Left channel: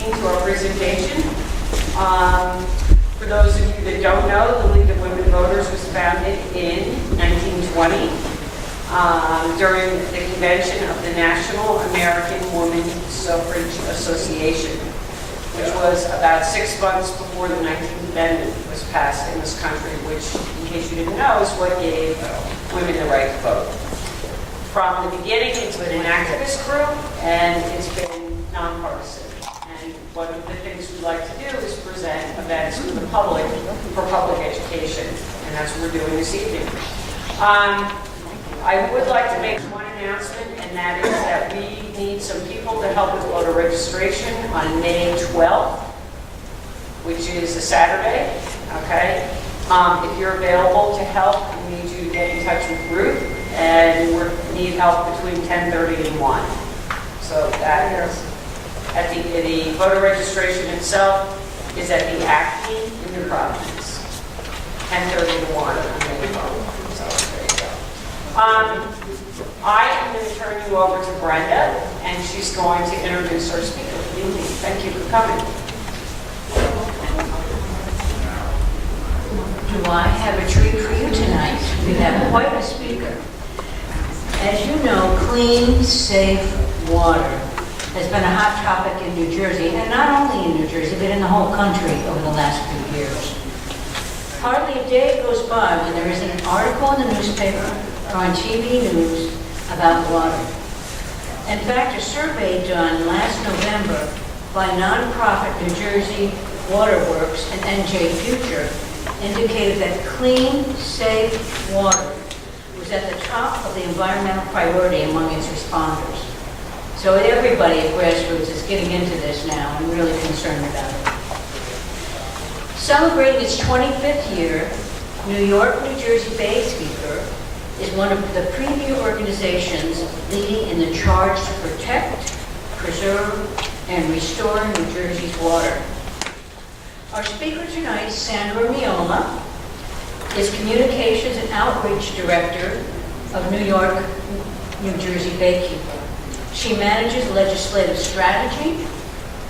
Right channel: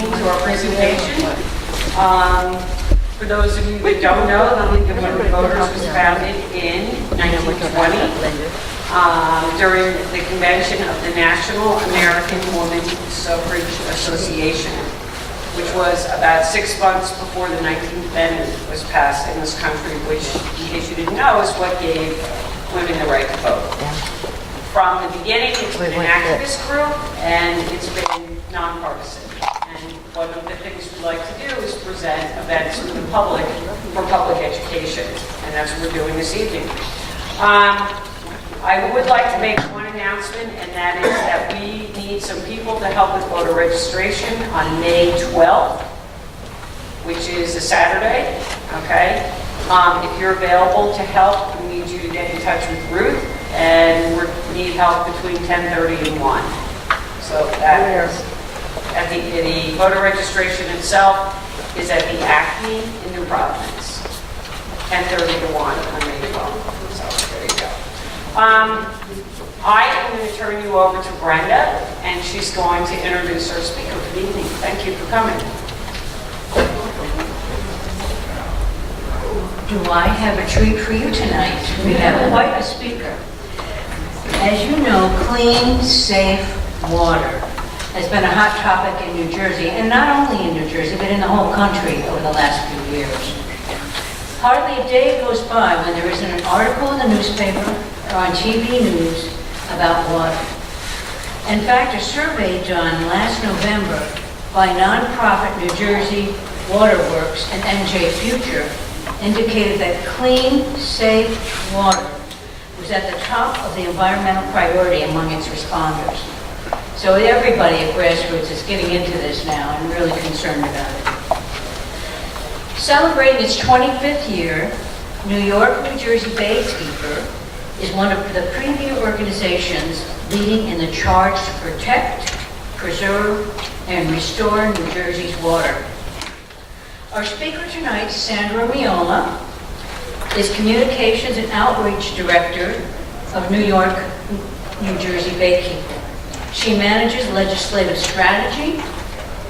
evening to our presentation. For those of you that don't know, the League of Women Voters was founded in 1920 during the convention of the National American Woman Suffrage Association, which was about 6 months before the 19th Amendment was passed in this country, which, in case you didn't know, is what gave women the right to vote. From the beginning, it's been an activist group, and it's been nonpartisan. And one of the things we like to do is present events to the public for public education, and that's what we're doing this evening. I would like to make one announcement, and that is that we need some people to help with voter registration on May 12th, which is a Saturday, okay? If you're available to help, we need you to get in touch with Ruth, and we need help between 10:30 and 1. So that is, at the voter registration itself is at the Acme in New Providence, 10:30 to 1 on May 12th. So there you go. I am going to turn you over to Brenda, and she's going to introduce our speaker for the evening. Thank you for coming. Do I have a treat for you tonight? We have quite a speaker. As you know, clean, safe water has been a hot topic in New Jersey, and not only in New Jersey, but in the whole country over the last few years. Hardly a day goes by when there isn't an article in the newspaper or on TV news about water. In fact, a survey done last November by nonprofit New Jersey Waterworks and NJ Future indicated that clean, safe water was at the top of the environmental priority among its responders. So everybody at grassroots is getting into this now and really concerned about it. Celebrating its 25th year, New York, New Jersey Baykeeper is one of the premier organizations leading in the charge to protect, preserve, and restore New Jersey's water. Our speaker tonight, Sandra Miola, is Communications and Outreach Director of New York, New Jersey Baykeeper. She manages legislative strategy,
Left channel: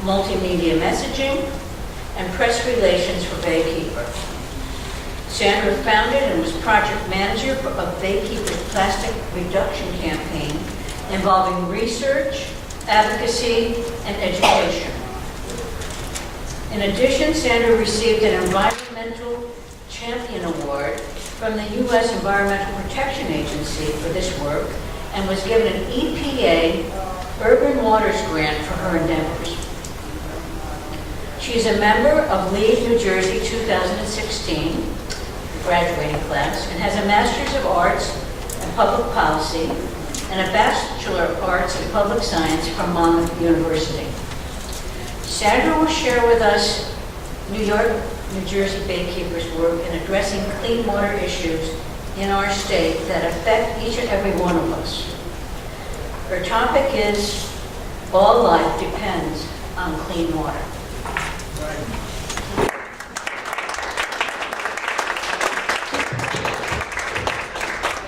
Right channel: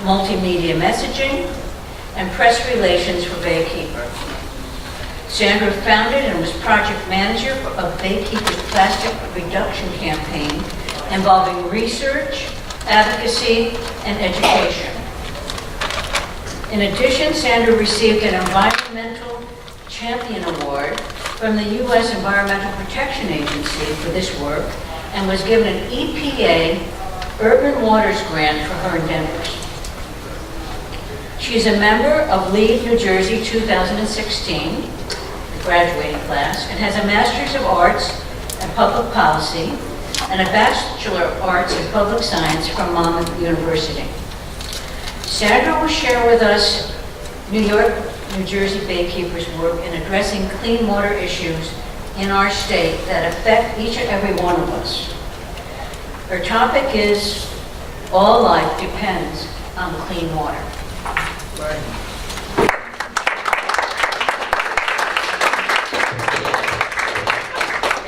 multimedia messaging, and press relations for Baykeeper. Sandra founded and was project manager of Baykeeper's plastic reduction campaign involving research, advocacy, and education. In addition, Sandra received an Environmental Champion Award from the U.S. Environmental Protection Agency for this work and was given an EPA Urban Waters Grant for her endeavors. She is a member of LEAD New Jersey 2016, the graduating class, and has a Master's of Arts in Public Policy and a Bachelor of Arts in Public Science from Monmouth University. Sandra will share with us New York, New Jersey Baykeeper's work in addressing clean water issues in our state that affect each and every one of us. Her topic is, all life depends on clean water.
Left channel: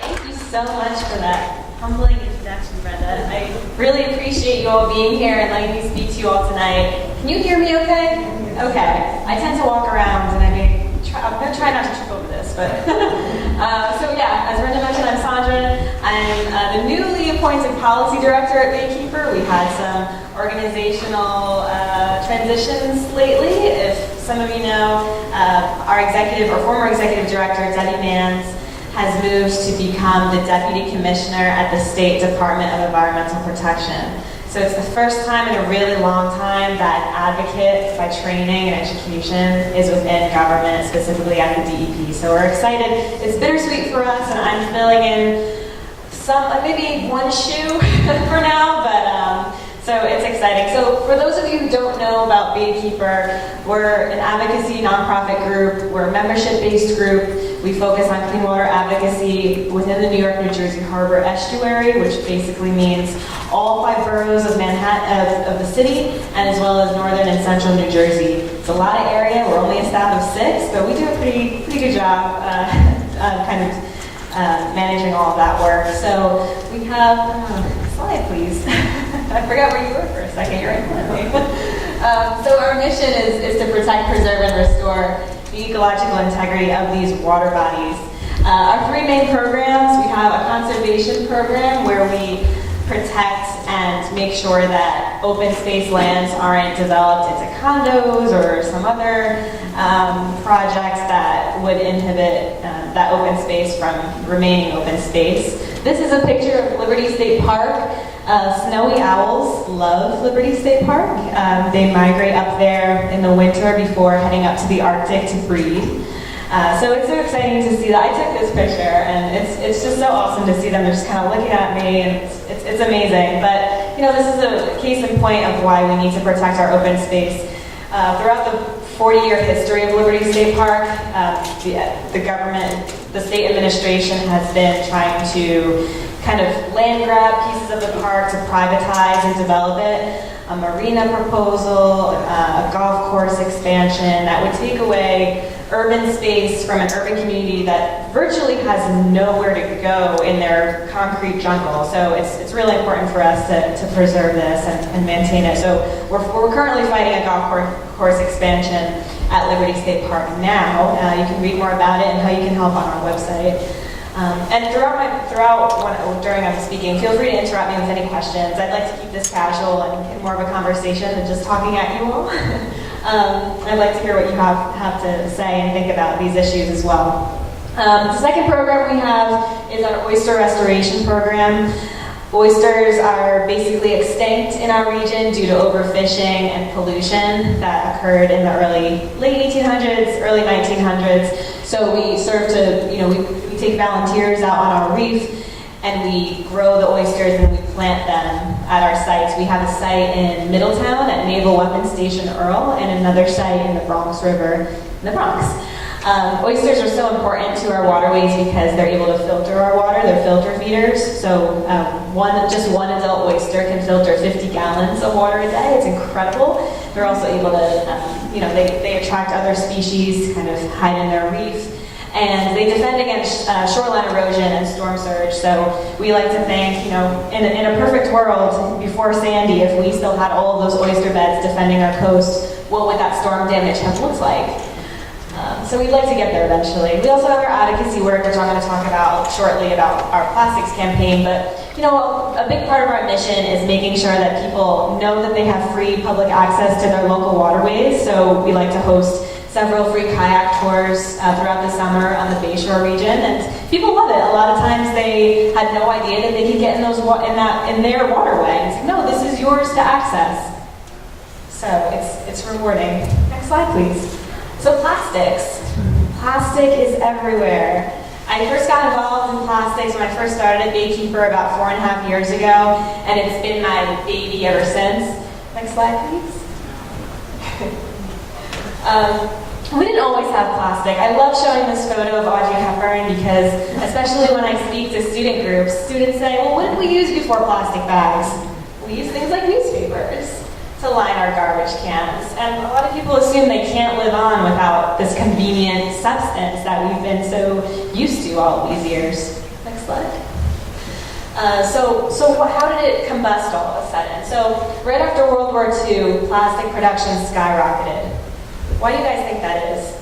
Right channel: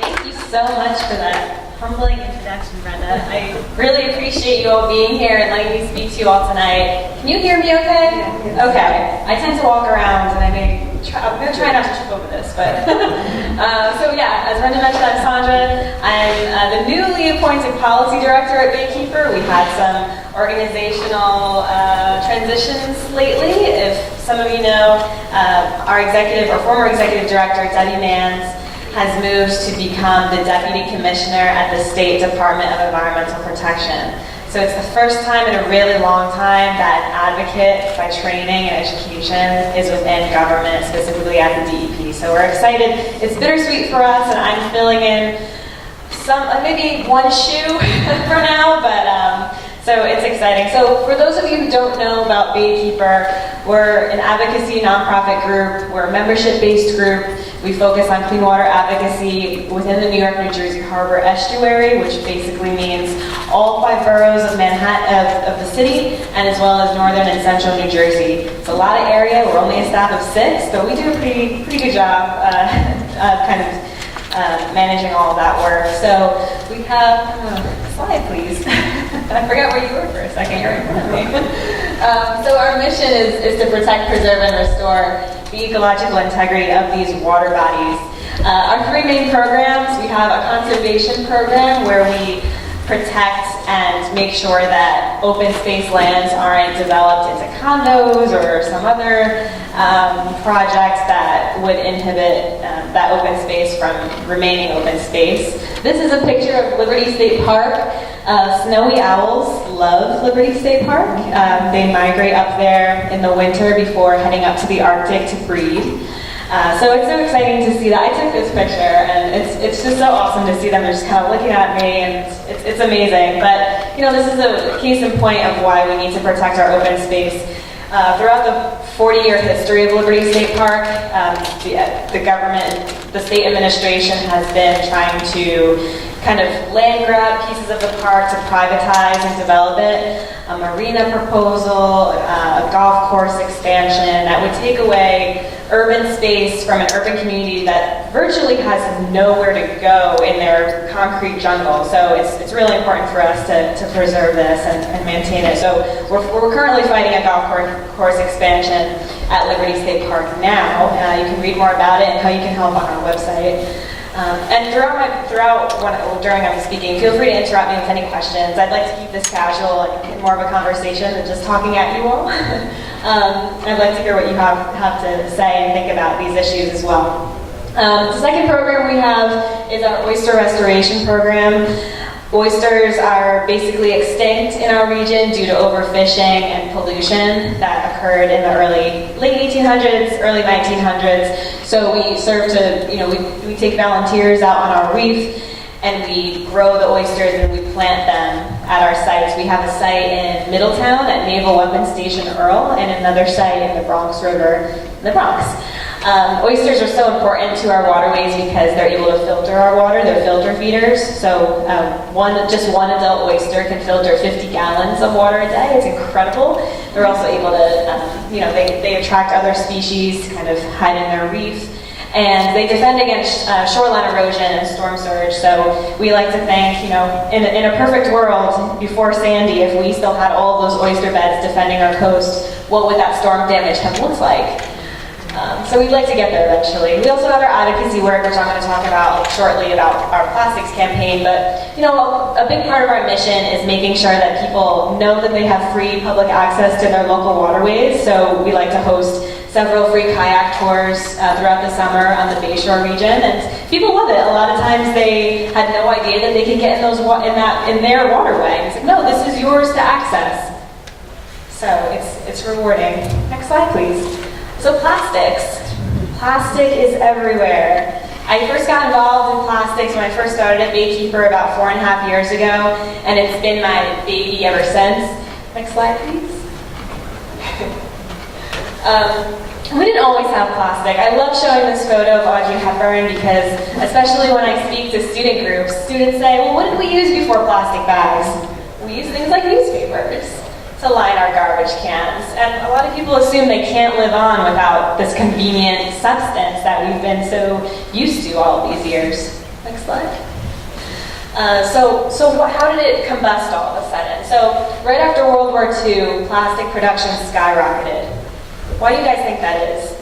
Thank you so much for that humbling introduction, Brenda. I really appreciate you all being here and letting me speak to you all tonight. Can you hear me okay? Okay. I tend to walk around and I'm going to try not to trip over this, but so yeah, as Brenda mentioned, I'm Sandra. I'm the newly appointed policy director at Baykeeper. We've had some organizational transitions lately. If some of you know, our executive or former executive director, Debbie Mans, has moved to become the Deputy Commissioner at the State Department of Environmental Protection. So it's the first time in a really long time that advocate by training and education is within government, specifically at the DEP. So we're excited. It's bittersweet for us, and I'm filling in some, maybe one shoe for now, but so it's exciting. So for those of you who don't know about Baykeeper, we're an advocacy nonprofit group. We're a membership-based group. We focus on clean water advocacy within the New York, New Jersey Harbor Estuary, which basically means all 5 boroughs of Manhattan, of the city, and as well as northern and central New Jersey. It's a lot of area. We're only a staff of 6, but we do a pretty good job managing all of that work. So we have, slide please. I forgot where you were for a second. You're in front of me. So our mission is to protect, preserve, and restore the ecological integrity of these water bodies. Our three main programs, we have a conservation program where we protect and make sure that open space lands aren't developed into condos or some other projects that would inhibit that open space from remaining open space. This is a picture of Liberty State Park. Snowy owls love Liberty State Park. They migrate up there in the winter before heading up to the Arctic to breed. So it's so exciting to see that. I took this picture, and it's just so awesome to see them just kind of looking at me, and it's amazing. But, you know, this is a case in point of why we need to protect our open space. Throughout the 40-year history of Liberty State Park, the government, the state administration has been trying to kind of land grab pieces of the park to privatize and develop it. A marina proposal, a golf course expansion that would take away urban space from an urban community that virtually has nowhere to go in their concrete jungle. So it's really important for us to preserve this and maintain it. So we're currently fighting a golf course expansion at Liberty State Park now. You can read more about it and how you can help on our website. And during I'm speaking, feel free to interrupt me with any questions. I'd like to keep this casual and more of a conversation than just talking at you all. I'd like to hear what you have to say and think about these issues as well. The second program we have is our oyster restoration program. Oysters are basically extinct in our region due to overfishing and pollution that occurred in the late 1800s, early 1900s. So we serve to, we take volunteers out on our reef and we grow the oysters and we plant them at our sites. We have a site in Middletown at Naval Weapons Station Earl and another site in the Bronx River in the Bronx. Oysters are so important to our waterways because they're able to filter our water. They're filter feeders. So just one adult oyster can filter 50 gallons of water a day. It's incredible. They're also able to, they attract other species to kind of hide in their reef. And they defend against shoreline erosion and storm surge. So we like to think, in a perfect world, before Sandy, if we still had all of those oyster beds defending our coast, what would that storm damage have looked like? So we'd like to get there eventually. We also have our advocacy work, which I'm going to talk about shortly about our plastics campaign. But, a big part of our mission is making sure that people know that they have free public access to their local waterways. So we like to host several free kayak tours throughout the summer on the Bayshore region, and people love it. A lot of times they had no idea that they could get in their waterway. And it's like, no, this is yours to access. So it's rewarding. Next slide, please. So plastics. Plastic is everywhere. I first got involved in plastics when I first started at Baykeeper about 4.5 years ago, and it's been my baby ever since. Next slide, please. We didn't always have plastic. I love showing this photo of Audrey Hepburn because, especially when I speak to student groups, students say, well, what did we use before plastic bags? We used things like newspapers to line our garbage cans. And a lot of people assume they can't live on without this convenient substance that we've been so used to all of these years. Next slide. So how did it combust all of a sudden? So right after World War II, plastic production skyrocketed. Why do you guys think that is?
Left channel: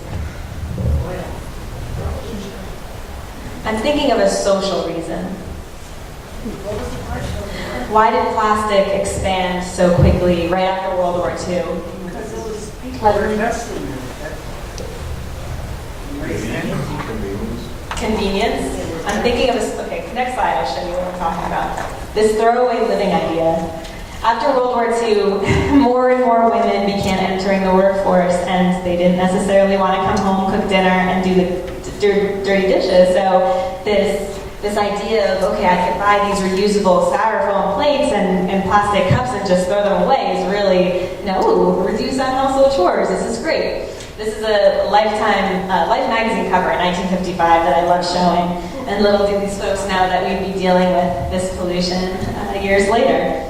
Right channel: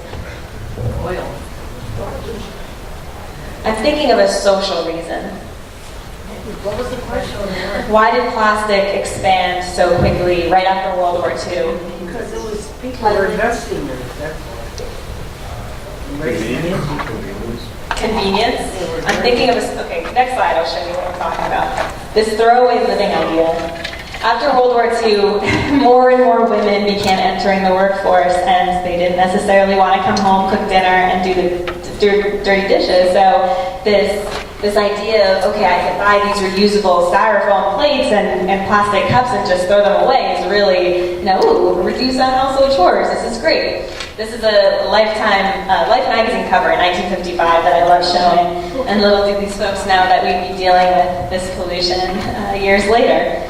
Oil. I'm thinking of a social reason. What was the question? Why did plastic expand so quickly right after World War II? Because it was people were investing in it. Convenience? I'm thinking of okay, next slide I'll show you what I'm talking about. This throwaway living idea. After World War II, more and more women began entering the workforce and they didn't necessarily want to come home, cook dinner, and do the dirty dishes. So this idea of, okay, I could buy these reusable styrofoam plates and plastic cups and just throw them away is really, reduce on household chores. This is great. This is a Life magazine cover in 1955 that I love showing. And little do these folks know that we'd be dealing with this pollution years later.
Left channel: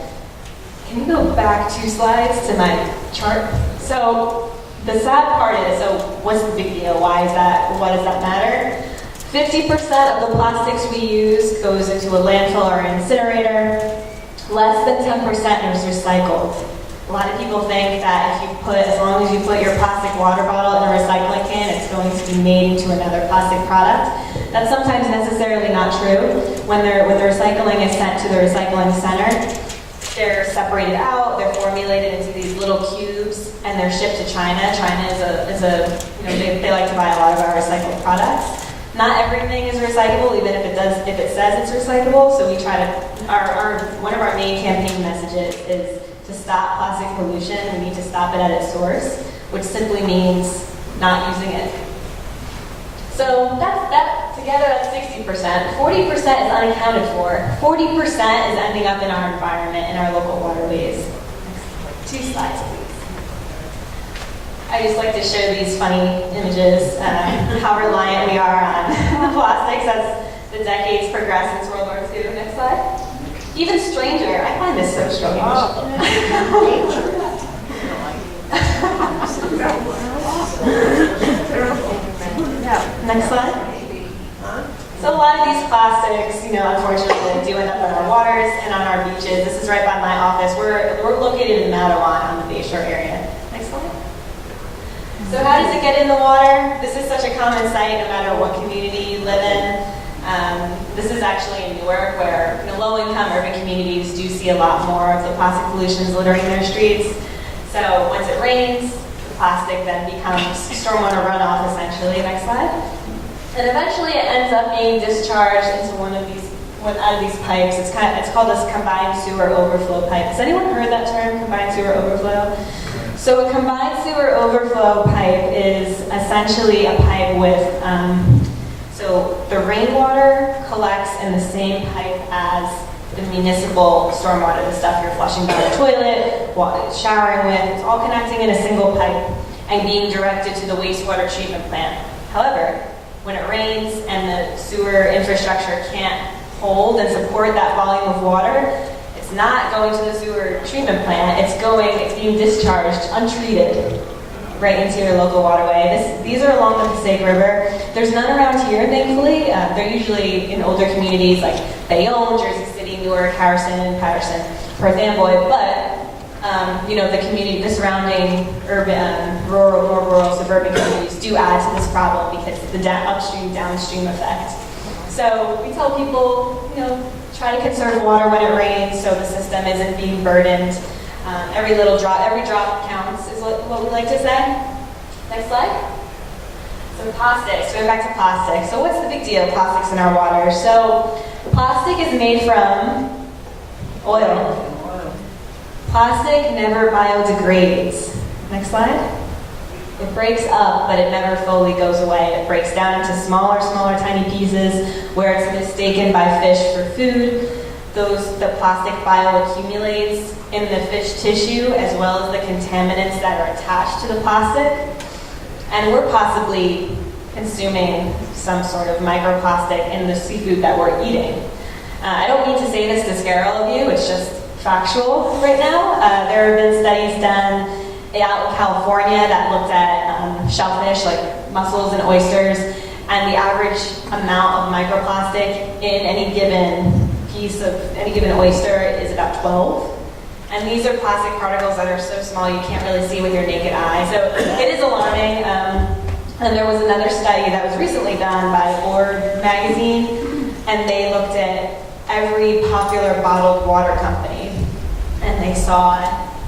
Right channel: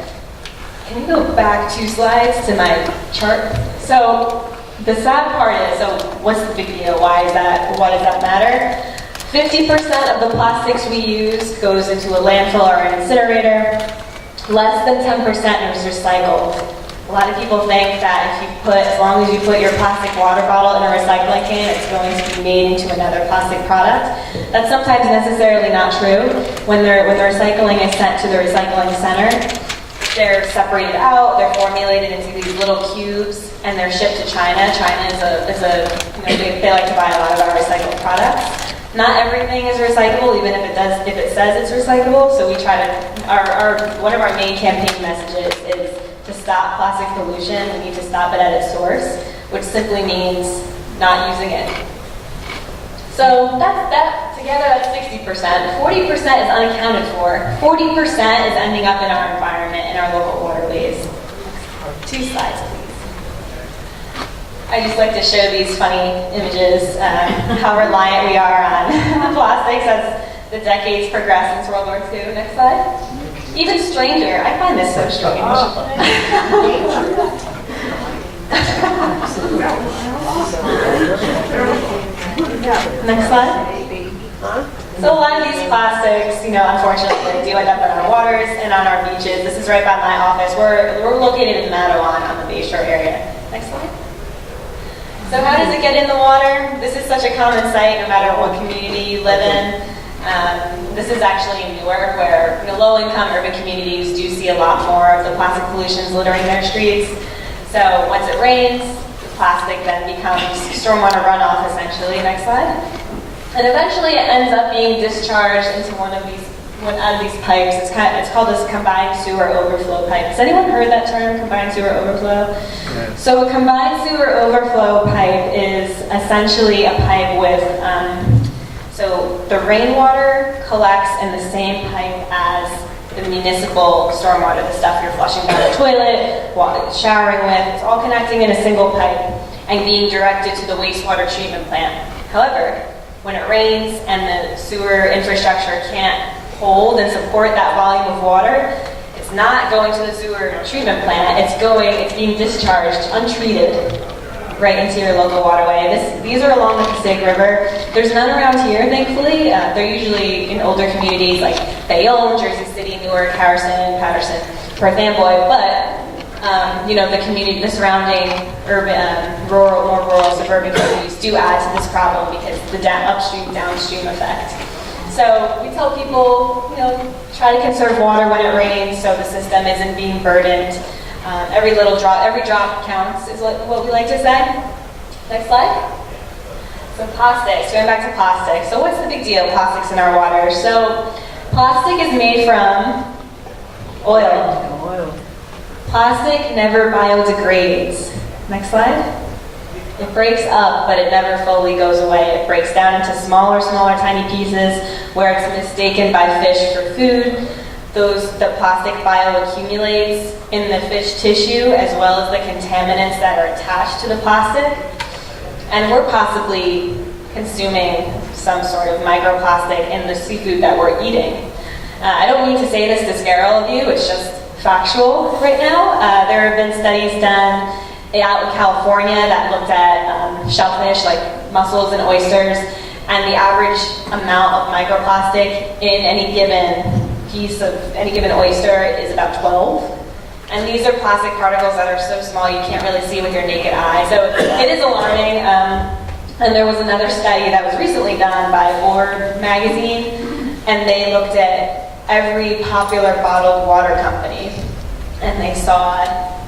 Can you go back 2 slides to my chart? So the sad part is, what's the big deal? Why does that matter? 50% of the plastics we use goes into a landfill or an incinerator. Less than 10% is recycled. A lot of people think that as long as you put your plastic water bottle in a recycling can, it's going to be made into another plastic product. That's sometimes necessarily not true. When the recycling is sent to the recycling center, they're separated out, they're formulated into these little cubes, and they're shipped to China. China they like to buy a lot of our recycled products. Not everything is recyclable, even if it says it's recyclable. So we try to, one of our main campaign messages is to stop plastic pollution. We need to stop it at its source, which simply means not using it. So together that's 60%. 40% is unaccounted for. 40% is ending up in our environment, in our local waterways. Next 2 slides, please. I just like to show these funny images, how reliant we are on the plastics as the decades progress since World War II. Next slide. Even stranger, I find this so strange. Next slide. So a lot of these plastics, unfortunately, do end up in our waters and on our beaches. This is right by my office. We're located in Matawan on the Bayshore area. Next slide. So how does it get in the water? This is such a common sight no matter what community you live in. This is actually in Newark, where low-income urban communities do see a lot more of the plastic pollutions littering their streets. So once it rains, plastic then becomes stormwater runoff, essentially. Next slide. And eventually it ends up being discharged into one out of these pipes. It's called this combined sewer overflow pipe. Has anyone heard that term, combined sewer overflow? Yeah. So a combined sewer overflow pipe is essentially a pipe with, so the rainwater collects in the same pipe as the municipal stormwater, the stuff you're flushing down the toilet, showering with. It's all connecting in a single pipe and being directed to the wastewater treatment plant. However, when it rains and the sewer infrastructure can't hold and support that volume of water, it's not going to the sewer treatment plant. It's being discharged untreated right into your local waterway. These are along the Passaic River. There's none around here, thankfully. They're usually in older communities like Bayonne, Jersey City, Newark, Harrison, Patterson, Perth Amboy, but the community, the surrounding urban, more rural, suburban communities do add to this problem because the upstream, downstream effect. So we tell people, try to conserve water when it rains so the system isn't being burdened. Every drop counts is what we like to say. Next slide. So plastics, going back to plastics. So what's the big deal, plastics in our water? So plastic is made from oil. Plastic never biodegrades. Next slide. It breaks up, but it never fully goes away. It breaks down into smaller, tiny pieces where it's mistaken by fish for food. The plastic bioaccumulates in the fish tissue as well as the contaminants that are attached to the plastic. And we're possibly consuming some sort of microplastic in the seafood that we're eating. I don't mean to say this to scare all of you, it's just factual right now. There have been studies done out in California that looked at shellfish like mussels and oysters, and the average amount of microplastic in any given oyster is about 12. And these are plastic particles that are so small you can't really see with your naked eye. So it is alarming. And there was another study that was recently done by Orb magazine, and they looked at every popular bottled water company, and they saw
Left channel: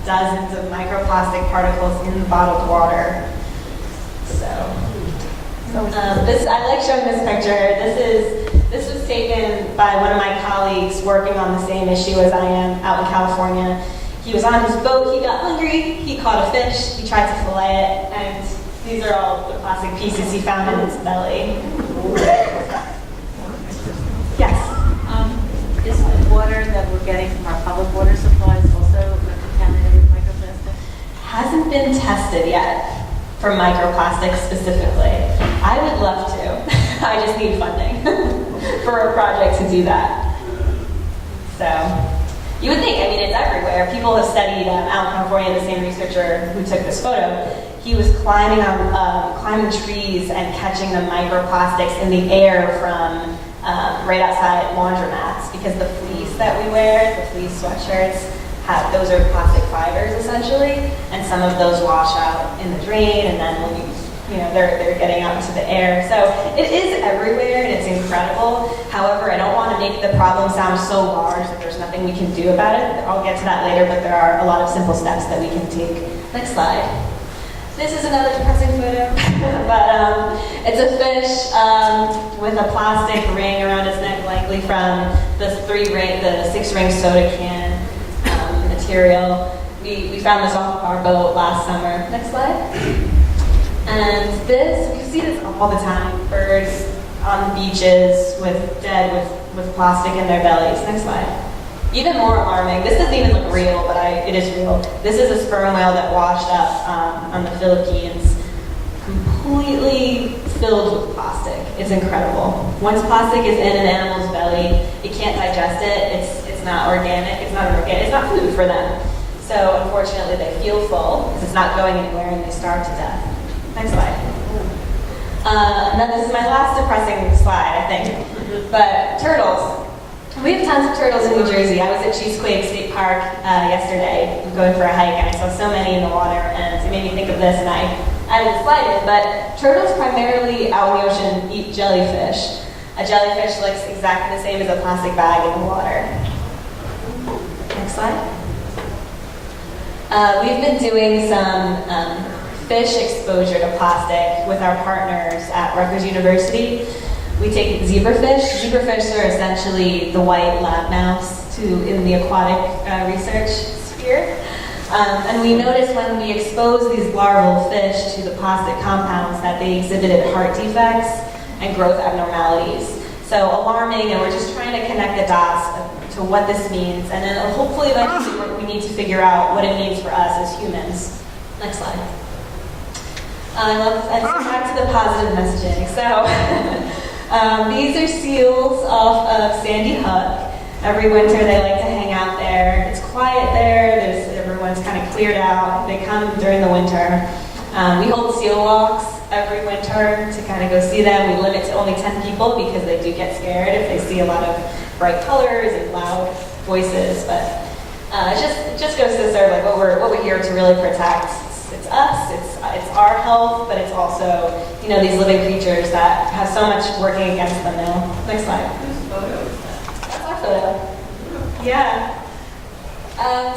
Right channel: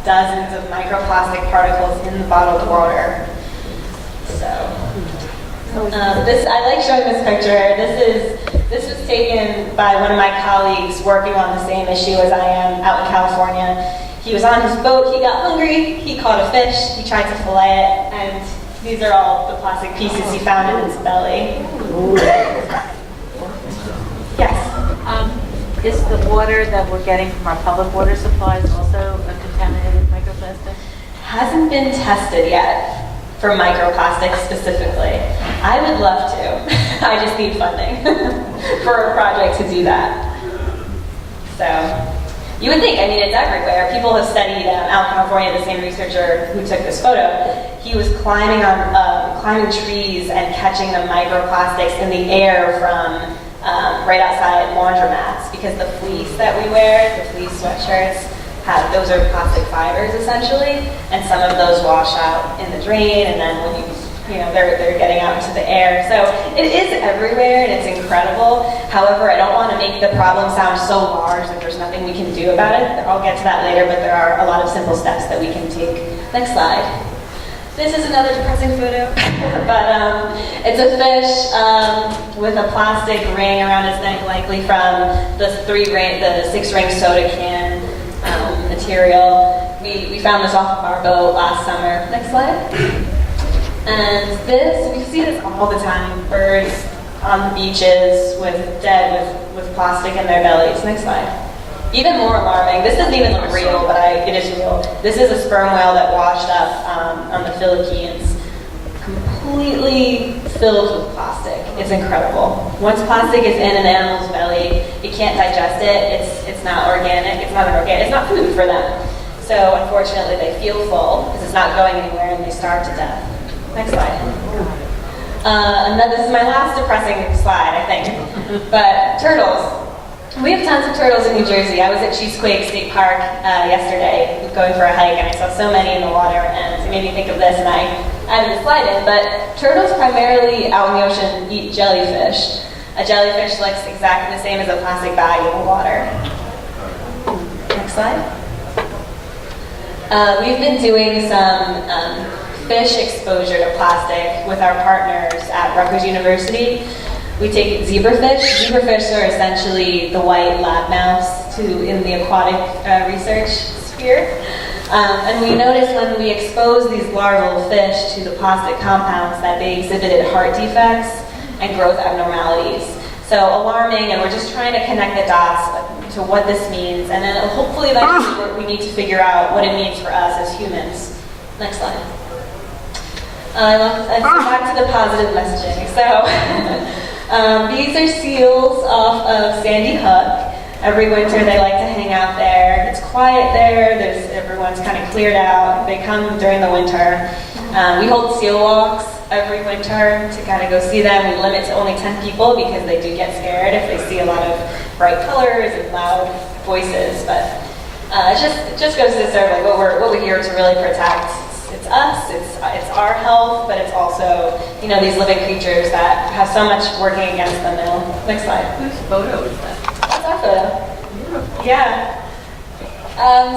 dozens of microplastic particles in the bottled water. So, I like showing this picture. This was taken by one of my colleagues working on the same issue as I am out in California. He was on his boat, he got hungry, he caught a fish, he tried to fillet it, and these are all the plastic pieces he found in its belly. Yes? Is the water that we're getting from our public water supplies also contaminated with microplastic? Hasn't been tested yet for microplastics specifically. I would love to. I just need funding for a project to do that. So, you would think, it's everywhere. People have studied out in California, the same researcher who took this photo, he was climbing trees and catching the microplastics in the air from right outside laundromats, because the fleece that we wear, the fleece sweatshirts, those are plastic fibers essentially, and some of those wash out in the drain, and then when they're getting out into the air. So it is everywhere, and it's incredible. However, I don't want to make the problem sound so large that there's nothing we can do about it. I'll get to that later, but there are a lot of simple steps that we can take. Next slide. This is another depressing photo, but it's a fish with a plastic ring around its neck, likely from the 6-ring soda can material. We found this off of our boat last summer. Next slide. And we see this all the time. Birds on the beaches with plastic in their bellies. Next slide. Even more alarming, this doesn't even look real, but it is real. This is a sperm whale that washed up on the Philippines, completely filled with plastic. It's incredible. Once plastic is in an animal's belly, it can't digest it. It's not organic. It's not food for them. So unfortunately, they feel full because it's not going anywhere, and they starve to death. Next slide. And then this is my last depressing slide, I think. But turtles. We have tons of turtles in New Jersey. I was at Cheesequake State Park yesterday going for a hike, and I saw so many in the water, and it made me think of this, and I added a slide in. But turtles primarily out in the ocean eat jellyfish. A jellyfish looks exactly the same as a plastic bag in the water. Next slide. We've been doing some fish exposure to plastic with our partners at Rutgers University. We take zebrafish. Zebrafish are essentially the white lab mouse in the aquatic research sphere. And we noticed when we exposed these larval fish to the plastic compounds that they exhibited heart defects and growth abnormalities. So alarming, and we're just trying to connect the dots to what this means, and then hopefully eventually we need to figure out what it means for us as humans. Next slide. Let's go back to the positive messaging. So. These are seals off of Sandy Hook. Every winter they like to hang out there. It's quiet there. Everyone's kind of cleared out. They come during the winter. We hold seal walks every winter to kind of go see them. We limit to only 10 people because they do get scared if they see a lot of bright colors and loud voices. But it just goes to serve like what we're here to really protect. It's us, it's our health, but it's also, these living creatures that have so much working against them now. Next slide. Whose photo is that? That's our photo. Yeah.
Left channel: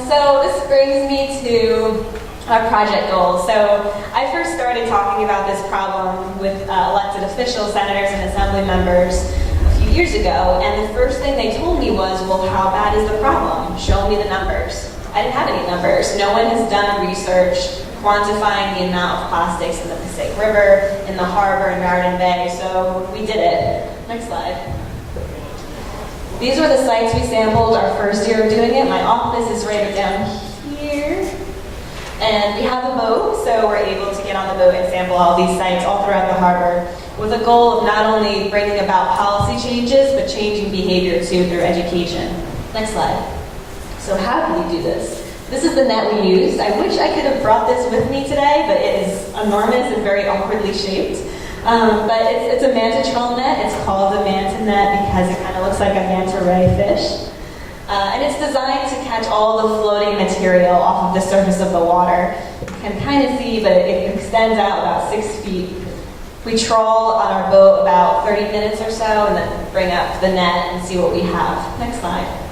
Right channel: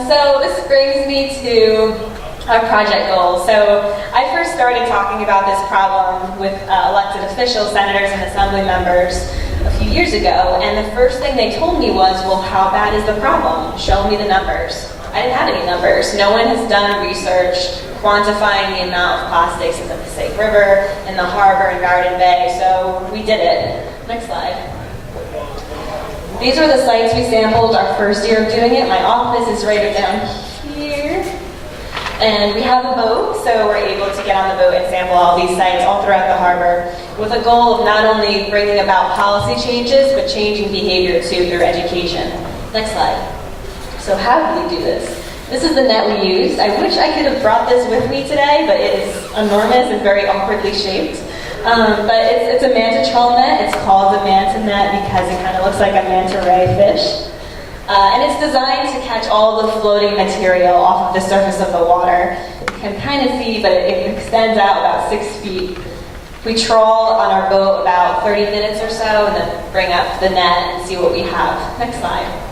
So this brings me to our project goals. So I first started talking about this problem with elected officials, senators, and assembly members a few years ago, and the first thing they told me was, well, how bad is the problem? Show me the numbers. I didn't have any numbers. No one has done research quantifying the amount of plastics in the Passaic River, in the harbor, in Garden Bay, so we did it. Next slide. These are the sites we sampled our first year of doing it. My office is right down here. And we have a boat, so we're able to get on the boat and sample all these sites all throughout the harbor with a goal of not only bringing about policy changes, but changing behavior too through education. Next slide. So how do we do this? This is the net we used. I wish I could have brought this with me today, but it is enormous and very awkwardly shaped. But it's a manta trawl net. It's called a manta net because it kind of looks like a manta ray fish. And it's designed to catch all the floating material off of the surface of the water. You can kind of see, but it extends out about 6 feet. We trawl on our boat about 30 minutes or so and then bring up the net and see what we have. Next slide.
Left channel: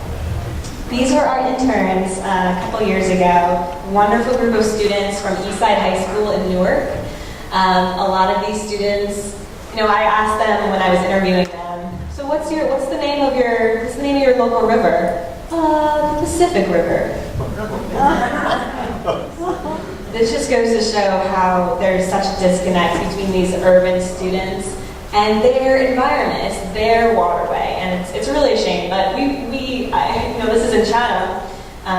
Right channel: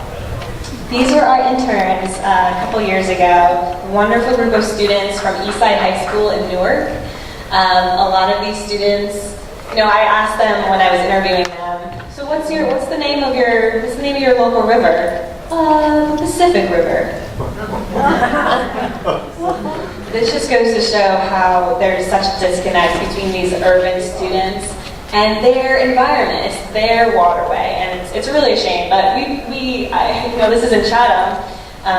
These were our interns a couple years ago, a wonderful group of students from Eastside High School in Newark. A lot of these students, I asked them when I was interviewing them, so what's the name of your local river? The Pacific River. This just goes to show how there's such a disconnect between these urban students and their environment. It's their waterway, and it's really a shame. But this is in Chatham,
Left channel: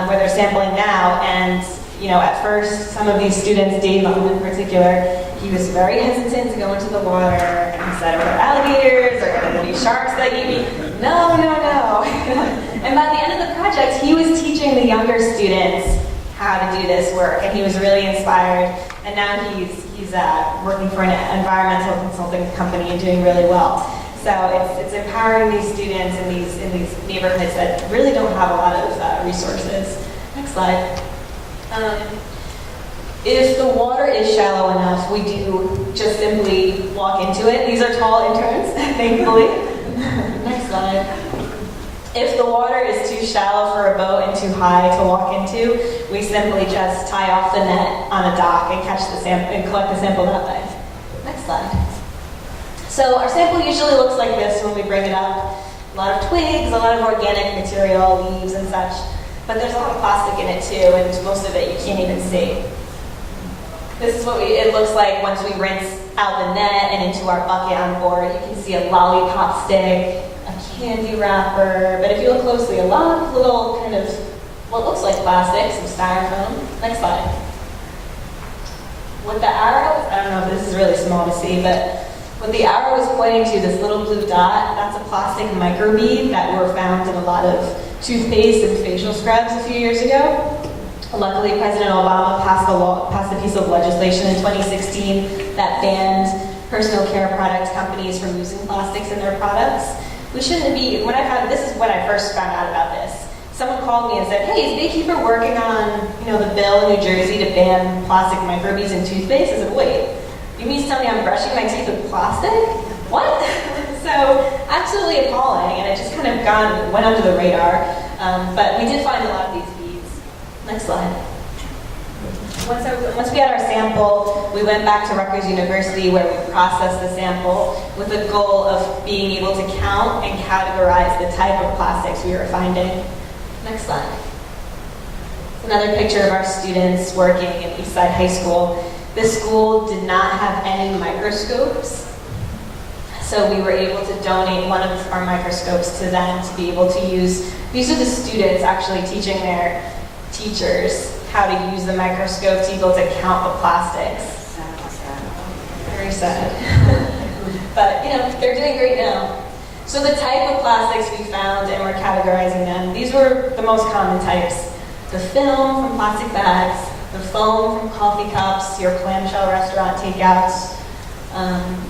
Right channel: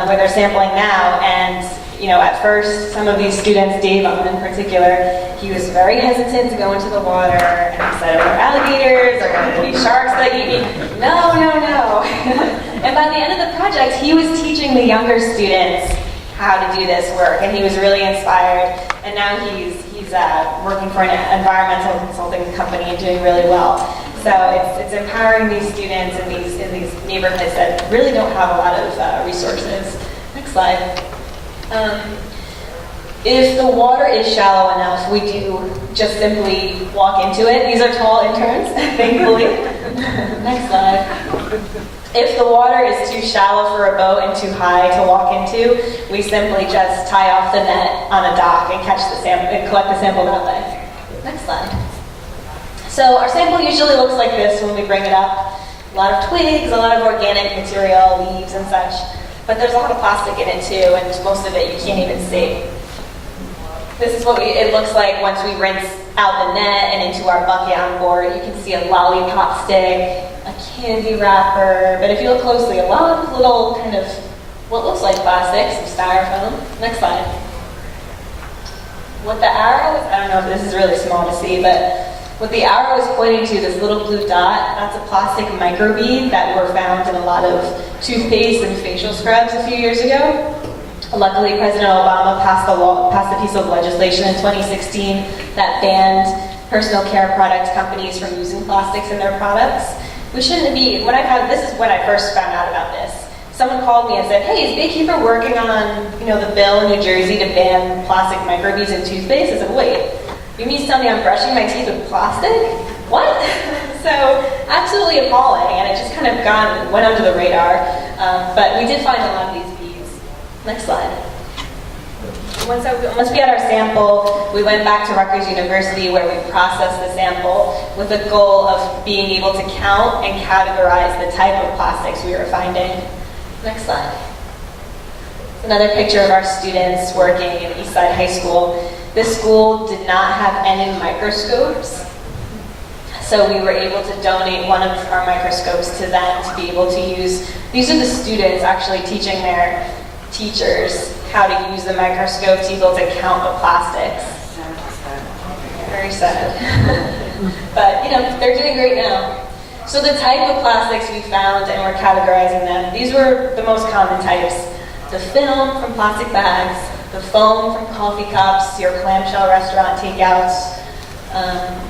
where they're sampling now, and at first, some of these students, Dave in particular, he was very hesitant to go into the water, and he said, "Are there alligators? Are there going to be sharks that eat me?" No. And by the end of the project, he was teaching the younger students how to do this work, and he was really inspired. And now he's working for an environmental consulting company and doing really well. So it's empowering these students in these neighborhoods that really don't have a lot of resources. Next slide. If the water is shallow enough, we do just simply walk into it. These are tall interns, thankfully. Next slide. If the water is too shallow for a boat and too high to walk into, we simply just tie off the net on a dock and catch the sample and collect the sample that way. Next slide. So our sample usually looks like this when we bring it up. A lot of twigs, a lot of organic material, leaves and such. But there's a lot of plastic in it too, and most of it you can't even see. This is what it looks like once we rinse out the net and into our bucket on board. You can see a lollipop stick, a candy wrapper, but if you look closely, a lot of little kind of what looks like plastic, some styrofoam. Next slide. What the arrow is, I don't know if this is really small to see, but what the arrow is pointing to, this little blue dot, that's a plastic microbead that were found in a lot of toothpaste and facial scrubs a few years ago. Luckily, President Obama passed a piece of legislation in 2016 that banned personal care product companies from using plastics in their products. We shouldn't be, this is when I first found out about this. Someone called me and said, hey, is Baykeeper working on, the bill in New Jersey to ban plastic microbeads in toothpaste? I said, wait, you mean to tell me I'm brushing my teeth with plastic? What? So, absolutely appalling, and it just kind of went under the radar. But we did find a lot of these beads. Next slide. Once we had our sample, we went back to Rutgers University where we processed the sample with the goal of being able to count and categorize the type of plastics we were finding. Next slide. It's another picture of our students working in Eastside High School. This school did not have any microscopes, so we were able to donate one of our microscopes to them to be able to use. These are the students actually teaching their teachers how to use the microscope to be able to count the plastics. Very sad. But, they're doing great now. So the type of plastics we found, and we're categorizing them, these were the most common types. The film from plastic bags, the foam from coffee cups, your clamshell restaurant takeouts,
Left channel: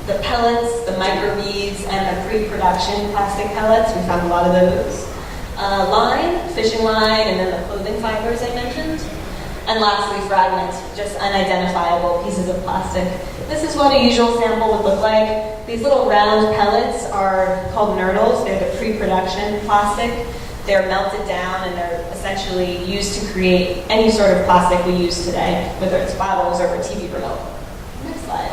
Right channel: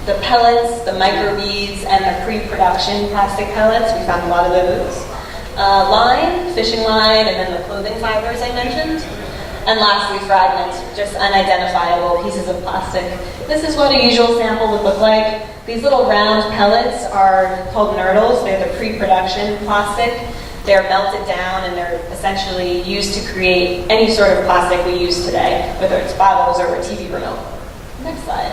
the pellets, the microbeads, and the pre-production plastic pellets. We found a lot of those. Line, fishing line, and then the clothing fibers I mentioned. And lastly, fragments, just unidentifiable pieces of plastic. This is what a usual sample would look like. These little round pellets are called nurdles. They're the pre-production plastic. They're melted down and they're essentially used to create any sort of plastic we use today, whether it's bottles or a TV remote. Next slide.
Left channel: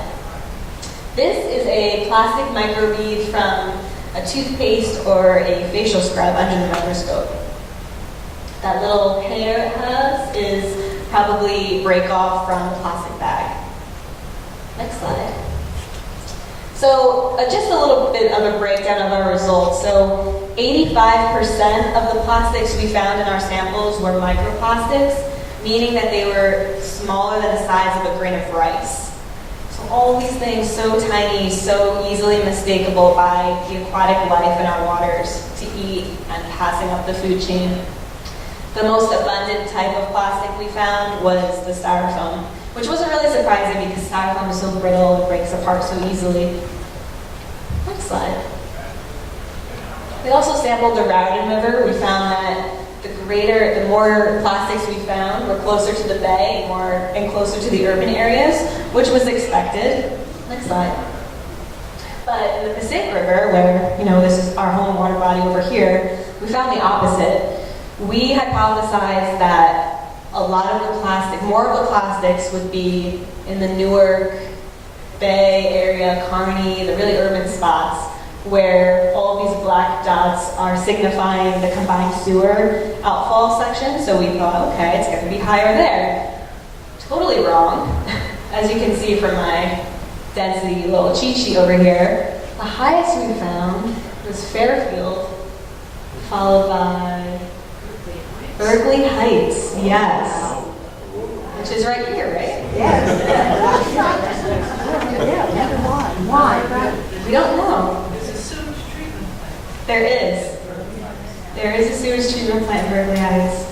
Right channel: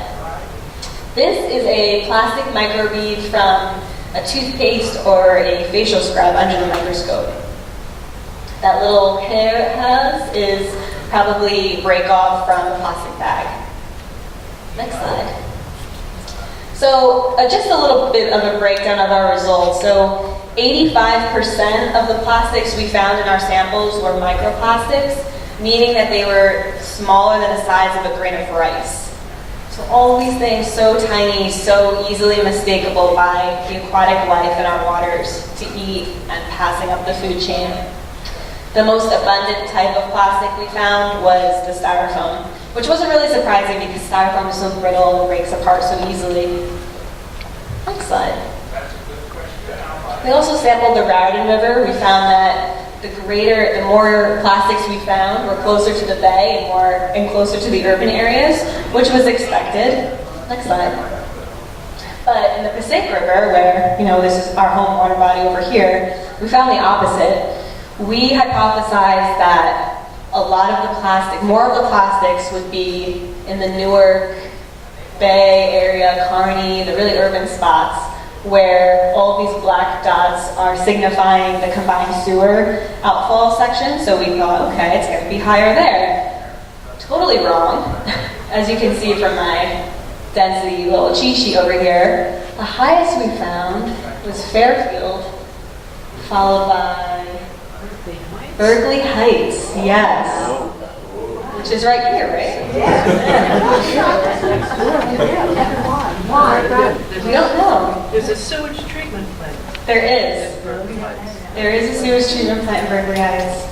This is a plastic microbead from a toothpaste or a facial scrub under the microscope. That little hair it has is probably break off from the plastic bag. Next slide. So just a little bit of a breakdown of our results. So 85% of the plastics we found in our samples were microplastics, meaning that they were smaller than the size of a grain of rice. So all these things so tiny, so easily mistakable by the aquatic life in our waters to eat and passing up the food chain. The most abundant type of plastic we found was the styrofoam, which wasn't really surprising because styrofoam is so brittle and breaks apart so easily. Next slide. We also sampled the Raritan River. We found that the more plastics we found were closer to the bay and closer to the urban areas, which was expected. Next slide. But in the Passaic River, where, this is our home water body over here, we found the opposite. We hypothesized that more of the plastics would be in the Newark, Bay area, Kearney, the really urban spots, where all these black dots are signifying the combined sewer outfall section. So we thought, okay, it's going to be higher there. Totally wrong. As you can see from my density little cheat sheet over here, the highest we found was Fairfield, followed by Berkeley Heights, yes. Which is right here, right? Why? We don't know. There's a sewage treatment plant. There is. There is a sewage treatment plant in Berkeley Heights.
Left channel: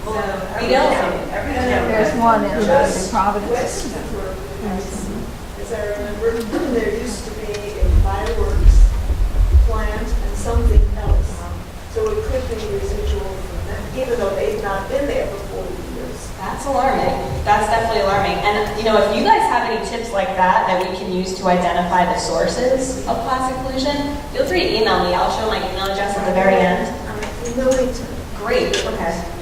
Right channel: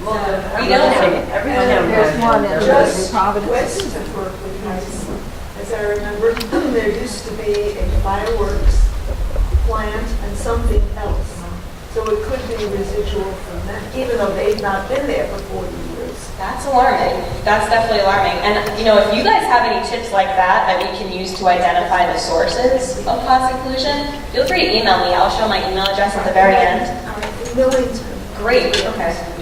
We don't know. There's one in Providence. West of Berkeley Heights, as I remember, there used to be a fireworks plant and something else. So it could be residual from that, even though they've not been there for 40 years. That's alarming. That's definitely alarming. And, you know, if you guys have any tips like that that we can use to identify the sources of plastic pollution, feel free to email me. I'll show my email address at the very end. In Millington. Great, okay.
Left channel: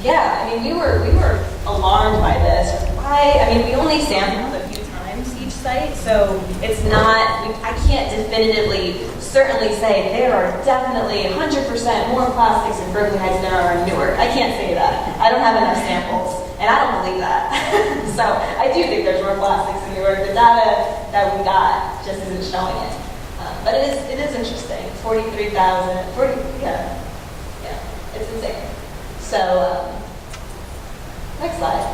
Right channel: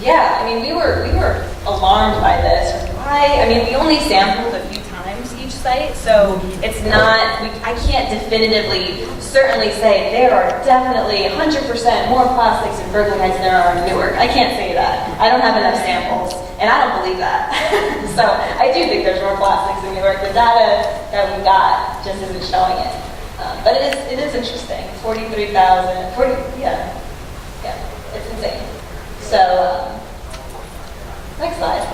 Yeah, I mean, we were alarmed by this. Why? I mean, we only sampled a few times each site, so it's not, I can't definitively certainly say there are definitely 100% more plastics in Berkeley Heights than there are in Newark. I can't say that. I don't have enough samples, and I don't believe that. So I do think there's more plastics in Newark. The data that we got just isn't showing it. But it is interesting. 43,000, yeah, it's insane. So, next slide.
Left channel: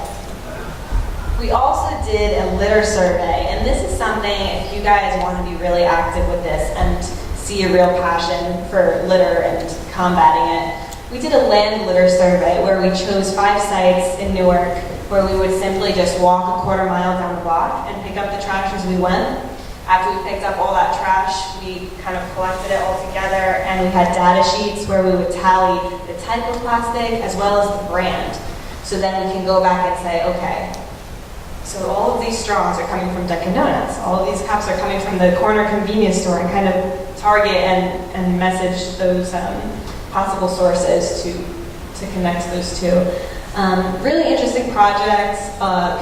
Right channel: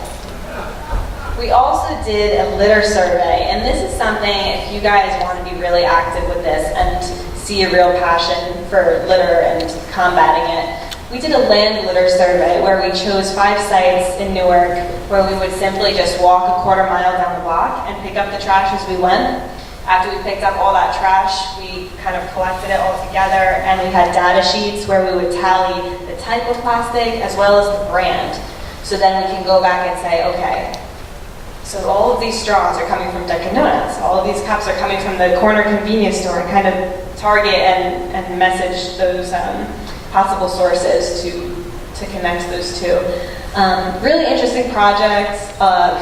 We also did a litter survey, and this is something, if you guys want to be really active with this and see a real passion for litter and combating it, we did a land litter survey where we chose 5 sites in Newark where we would simply just walk a quarter mile down the block and pick up the trash as we went. After we picked up all that trash, we kind of collected it all together, and we had data sheets where we would tally the type of plastic as well as the brand. So then we can go back and say, okay, so all of these straws are coming from Dunkin' Donuts. All of these cups are coming from the corner convenience store, and kind of target and message those possible sources to connect those two. Really interesting project.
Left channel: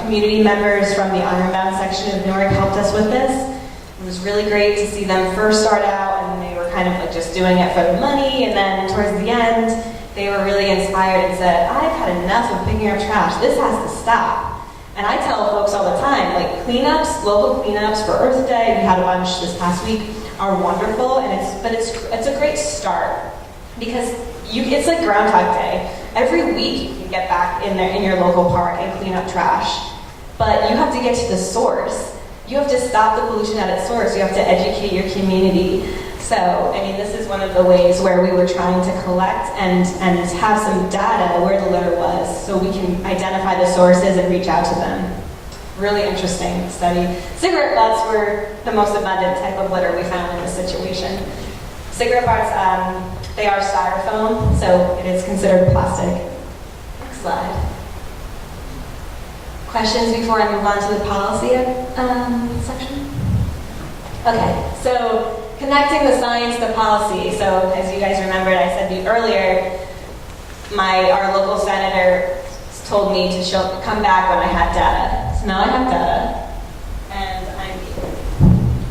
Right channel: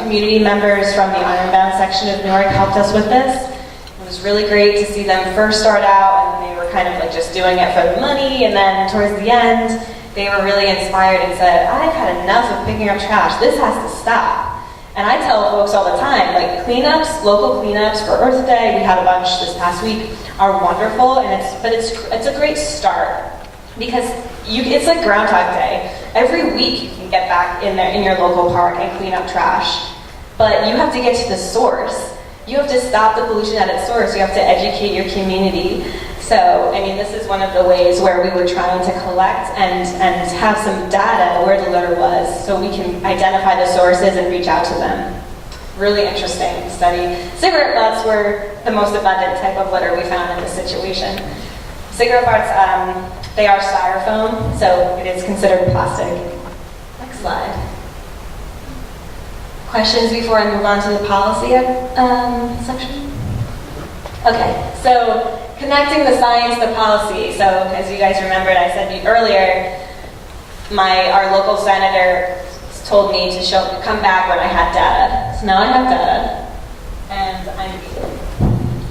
Community members from the Ironbound section of Newark helped us with this. It was really great to see them first start out, and they were kind of like just doing it for the money, and then towards the end, they were really inspired and said, I've had enough of picking up trash. This has to stop. And I tell folks all the time, like cleanups, local cleanups for Earth Day, we had a bunch this past week, are wonderful, and it's a great start because it's like Groundhog Day. Every week you can get back in there in your local park and clean up trash, but you have to get to the source. You have to stop the pollution at its source. You have to educate your community. So, I mean, this is one of the ways where we were trying to collect and have some data where the litter was so we can identify the sources and reach out to them. Really interesting study. Cigarette butts were the most abundant type of litter we found in this situation. Cigarette butts, they are styrofoam, so it is considered plastic. Next slide. Questions before I move on to the policy section? Okay, so connecting the science to policy. So as you guys remembered, I said earlier, our local senator told me to come back when I had data. So now I have data, and I'm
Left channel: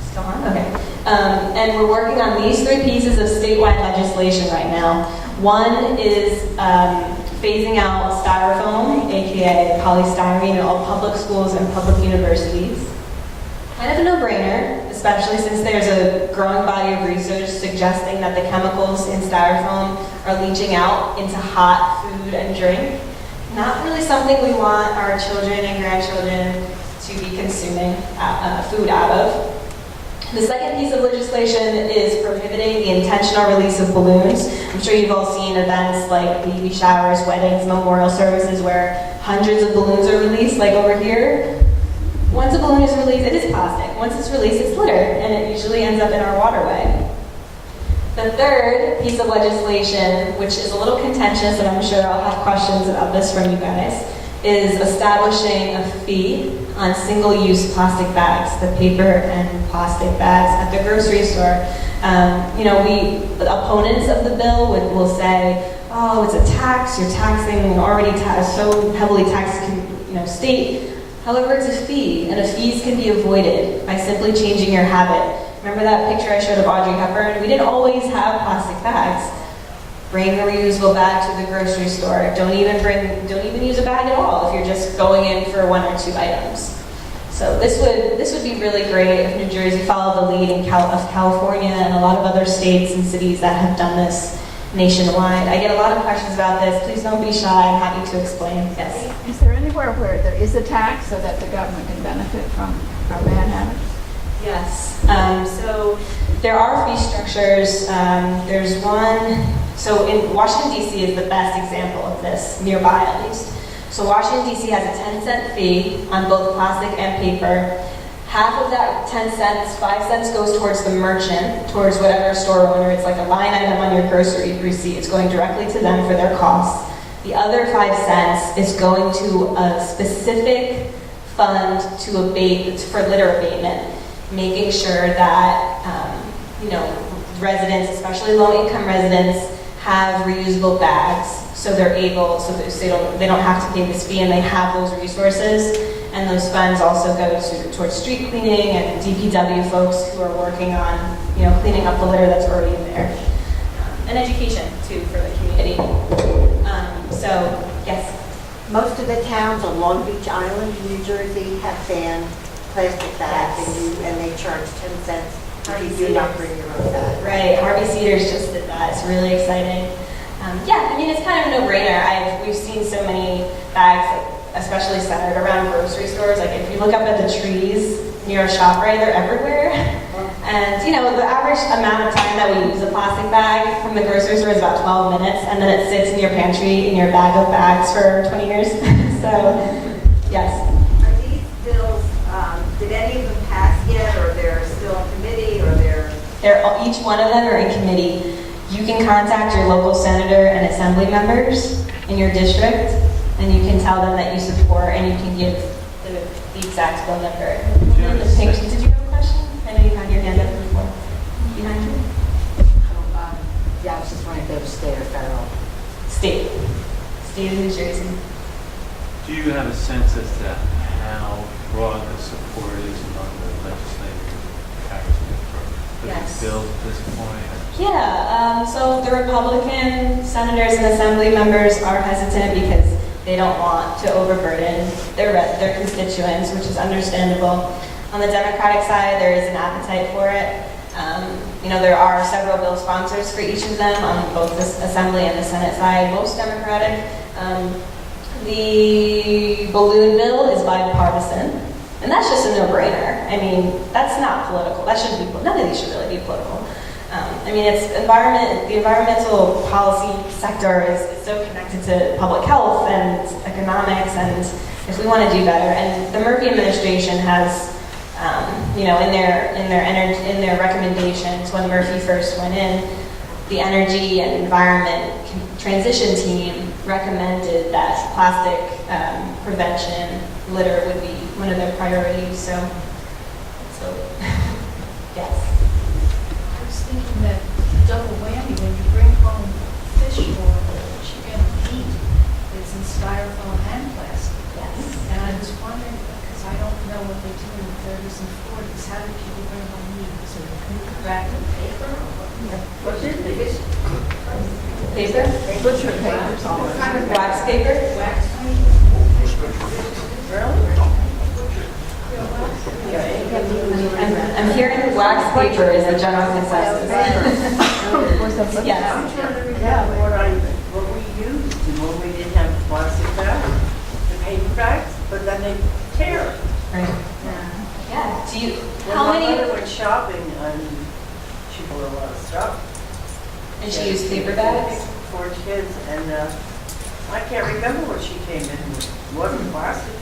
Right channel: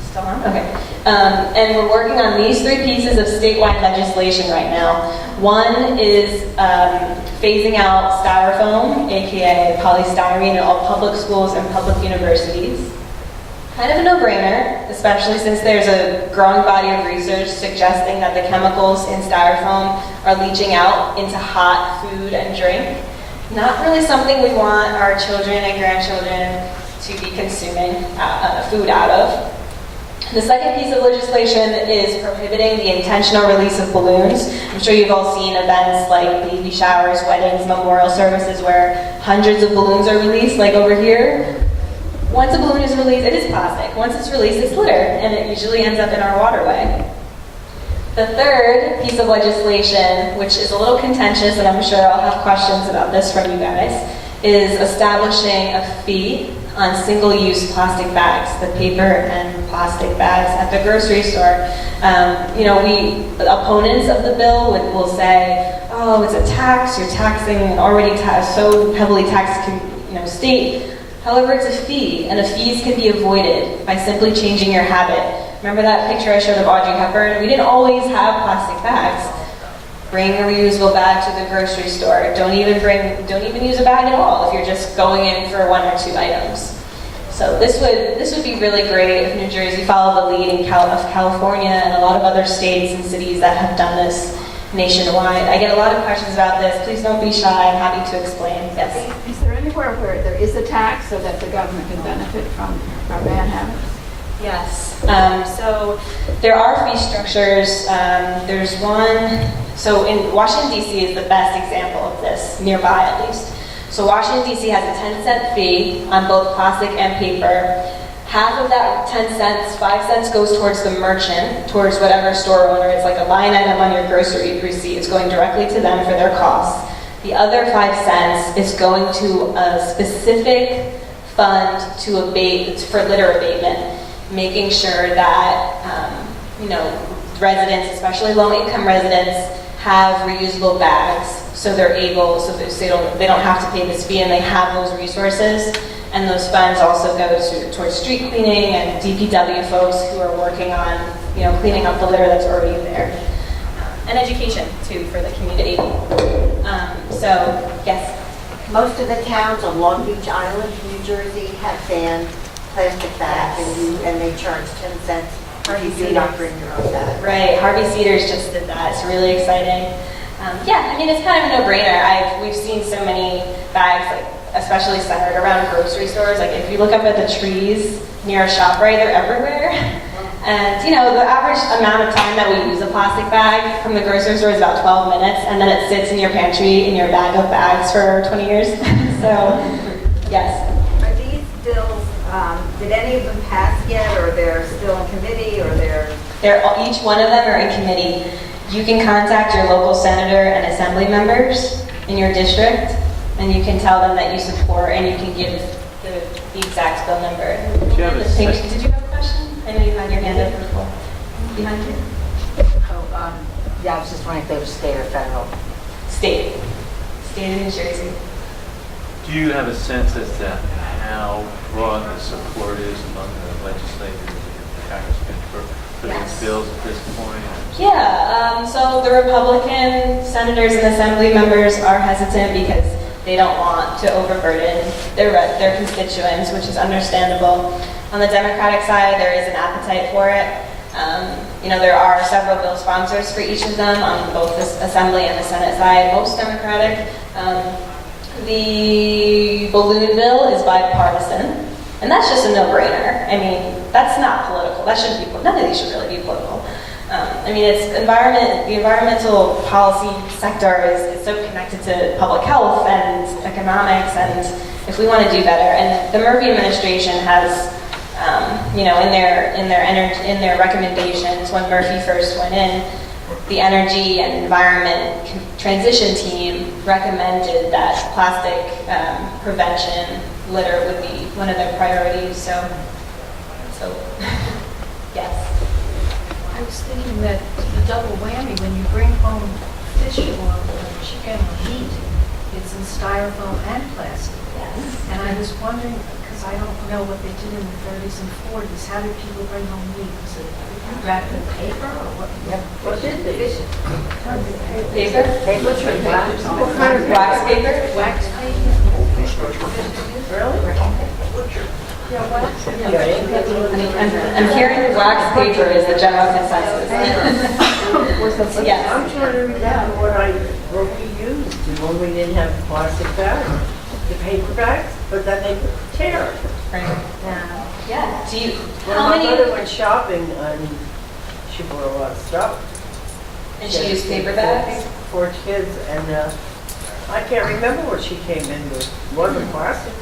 still on? Okay. And we're working on these 3 pieces of statewide legislation right now. One is phasing out styrofoam, aka polystyrene, in all public schools and public universities. Kind of a no-brainer, especially since there's a growing body of research suggesting that the chemicals in styrofoam are leaching out into hot food and drink. Not really something we want our children and grandchildren to be consuming food out of. The second piece of legislation is prohibiting the intentional release of balloons. I'm sure you've all seen events like baby showers, weddings, memorial services where hundreds of balloons are released, like over here. Once a balloon is released, it is plastic. Once it's released, it's litter, and it usually ends up in our waterway. The third piece of legislation, which is a little contentious, and I'm sure I'll have questions about this from you guys, is establishing a fee on single-use plastic bags, the paper and plastic bags at the grocery store. The opponents of the bill will say, oh, it's a tax, you're taxing an already so heavily taxed state. However, it's a fee, and fees can be avoided by simply changing your habit. Remember that picture I showed of Audrey Hepburn? We didn't always have plastic bags. Bring a reusable bag to the grocery store. Don't even use a bag at all if you're just going in for 1 or 2 items. So this would be really great if New Jersey followed the lead of California and a lot of other states and cities that have done this nationwide. I get a lot of questions about this. Please don't be shy. I'm happy to explain. Yes. Is there anywhere where there is a tax so that the government can benefit from bad habits? Yes. So there are fee structures. There's one. So in Washington, D.C. is the best example of this, nearby at least. So Washington, D.C. has a 10-cent fee on both plastic and paper. half of that 10 cents, 5 cents goes towards the merchant, towards whatever store owner. It's like a line item on your grocery receipt. It's going directly to them for their costs. The other 5 cents is going to a specific fund to abate, it's for litter abatement, making sure that, residents, especially low-income residents, have reusable bags, so they're able, so they don't have to pay this fee, and they have those resources. And those funds also go towards street cleaning and DPW folks who are working on, cleaning up the litter that's already there. And education, too, for the community. So, yes. Most of the towns on Long Beach Island, New Jersey, have banned plastic bags, Yes. and they charge 10 cents if Harvey you do not Cedars. bring your own bag. Right, Harvey Cedars just did that. It's really exciting. It's kind of a no-brainer. We've seen so many bags, especially centered around grocery stores. Like if you look up at the trees near a ShopRite, they're everywhere. And the average amount of time that we use a plastic bag from the grocery store is about 12 minutes, and then it sits in your pantry in your bag of bags for 20 years. So, yes. Are these bills, did any of them pass yet, or they're still in committee, or they're... Each one of them are in committee. You can contact your local senator and assembly members in your district, and you can tell them that you support, and you can give the exact bill number. Do you have a Did you have a question? I know you had your hand up before. Behind you? Yeah, I was just wondering if they were state or federal. State. State of New Jersey. Do you have a sense as to how broad the support is among the legislators and congressmen for Yes. these bills at this point? Yeah, so the Republican senators and assembly members are hesitant because they don't want to overburden their constituents, which is understandable. On the Democratic side, there is an appetite for it. There are several bill sponsors for each of them on both the Assembly and the Senate side, most Democratic. The balloon bill is bipartisan, and that's just a no-brainer. I mean, that's not political. That shouldn't be, none of these should really be political. It's the environmental policy sector is so connected to public health and economics, and if we want to do better, and the Murphy administration has, in their recommendations when Murphy first went in, the Energy and Environment Transition Team recommended that plastic prevention, litter would be one of their priorities. So yes. I was thinking that the double whammy, when you bring home fish or chicken or meat, it's in styrofoam and plastic. Yes. And I was wondering, because I don't know what they did in the 30s and 40s, how did people bring home meat? Was it wrapped in paper or what? What did they? Paper? What's your paper? What kind of Wax paper? Wax paper? I'm hearing wax paper is the general consensus. Yes. I'm trying to remember what we used when we didn't have plastic bags, the paper bags, but then they tear. Yeah. Do you? When How my many? mother went shopping, and she bought a lot of stuff. And she used paper bags. For kids, and I can't remember what she came in with. It wasn't plastic.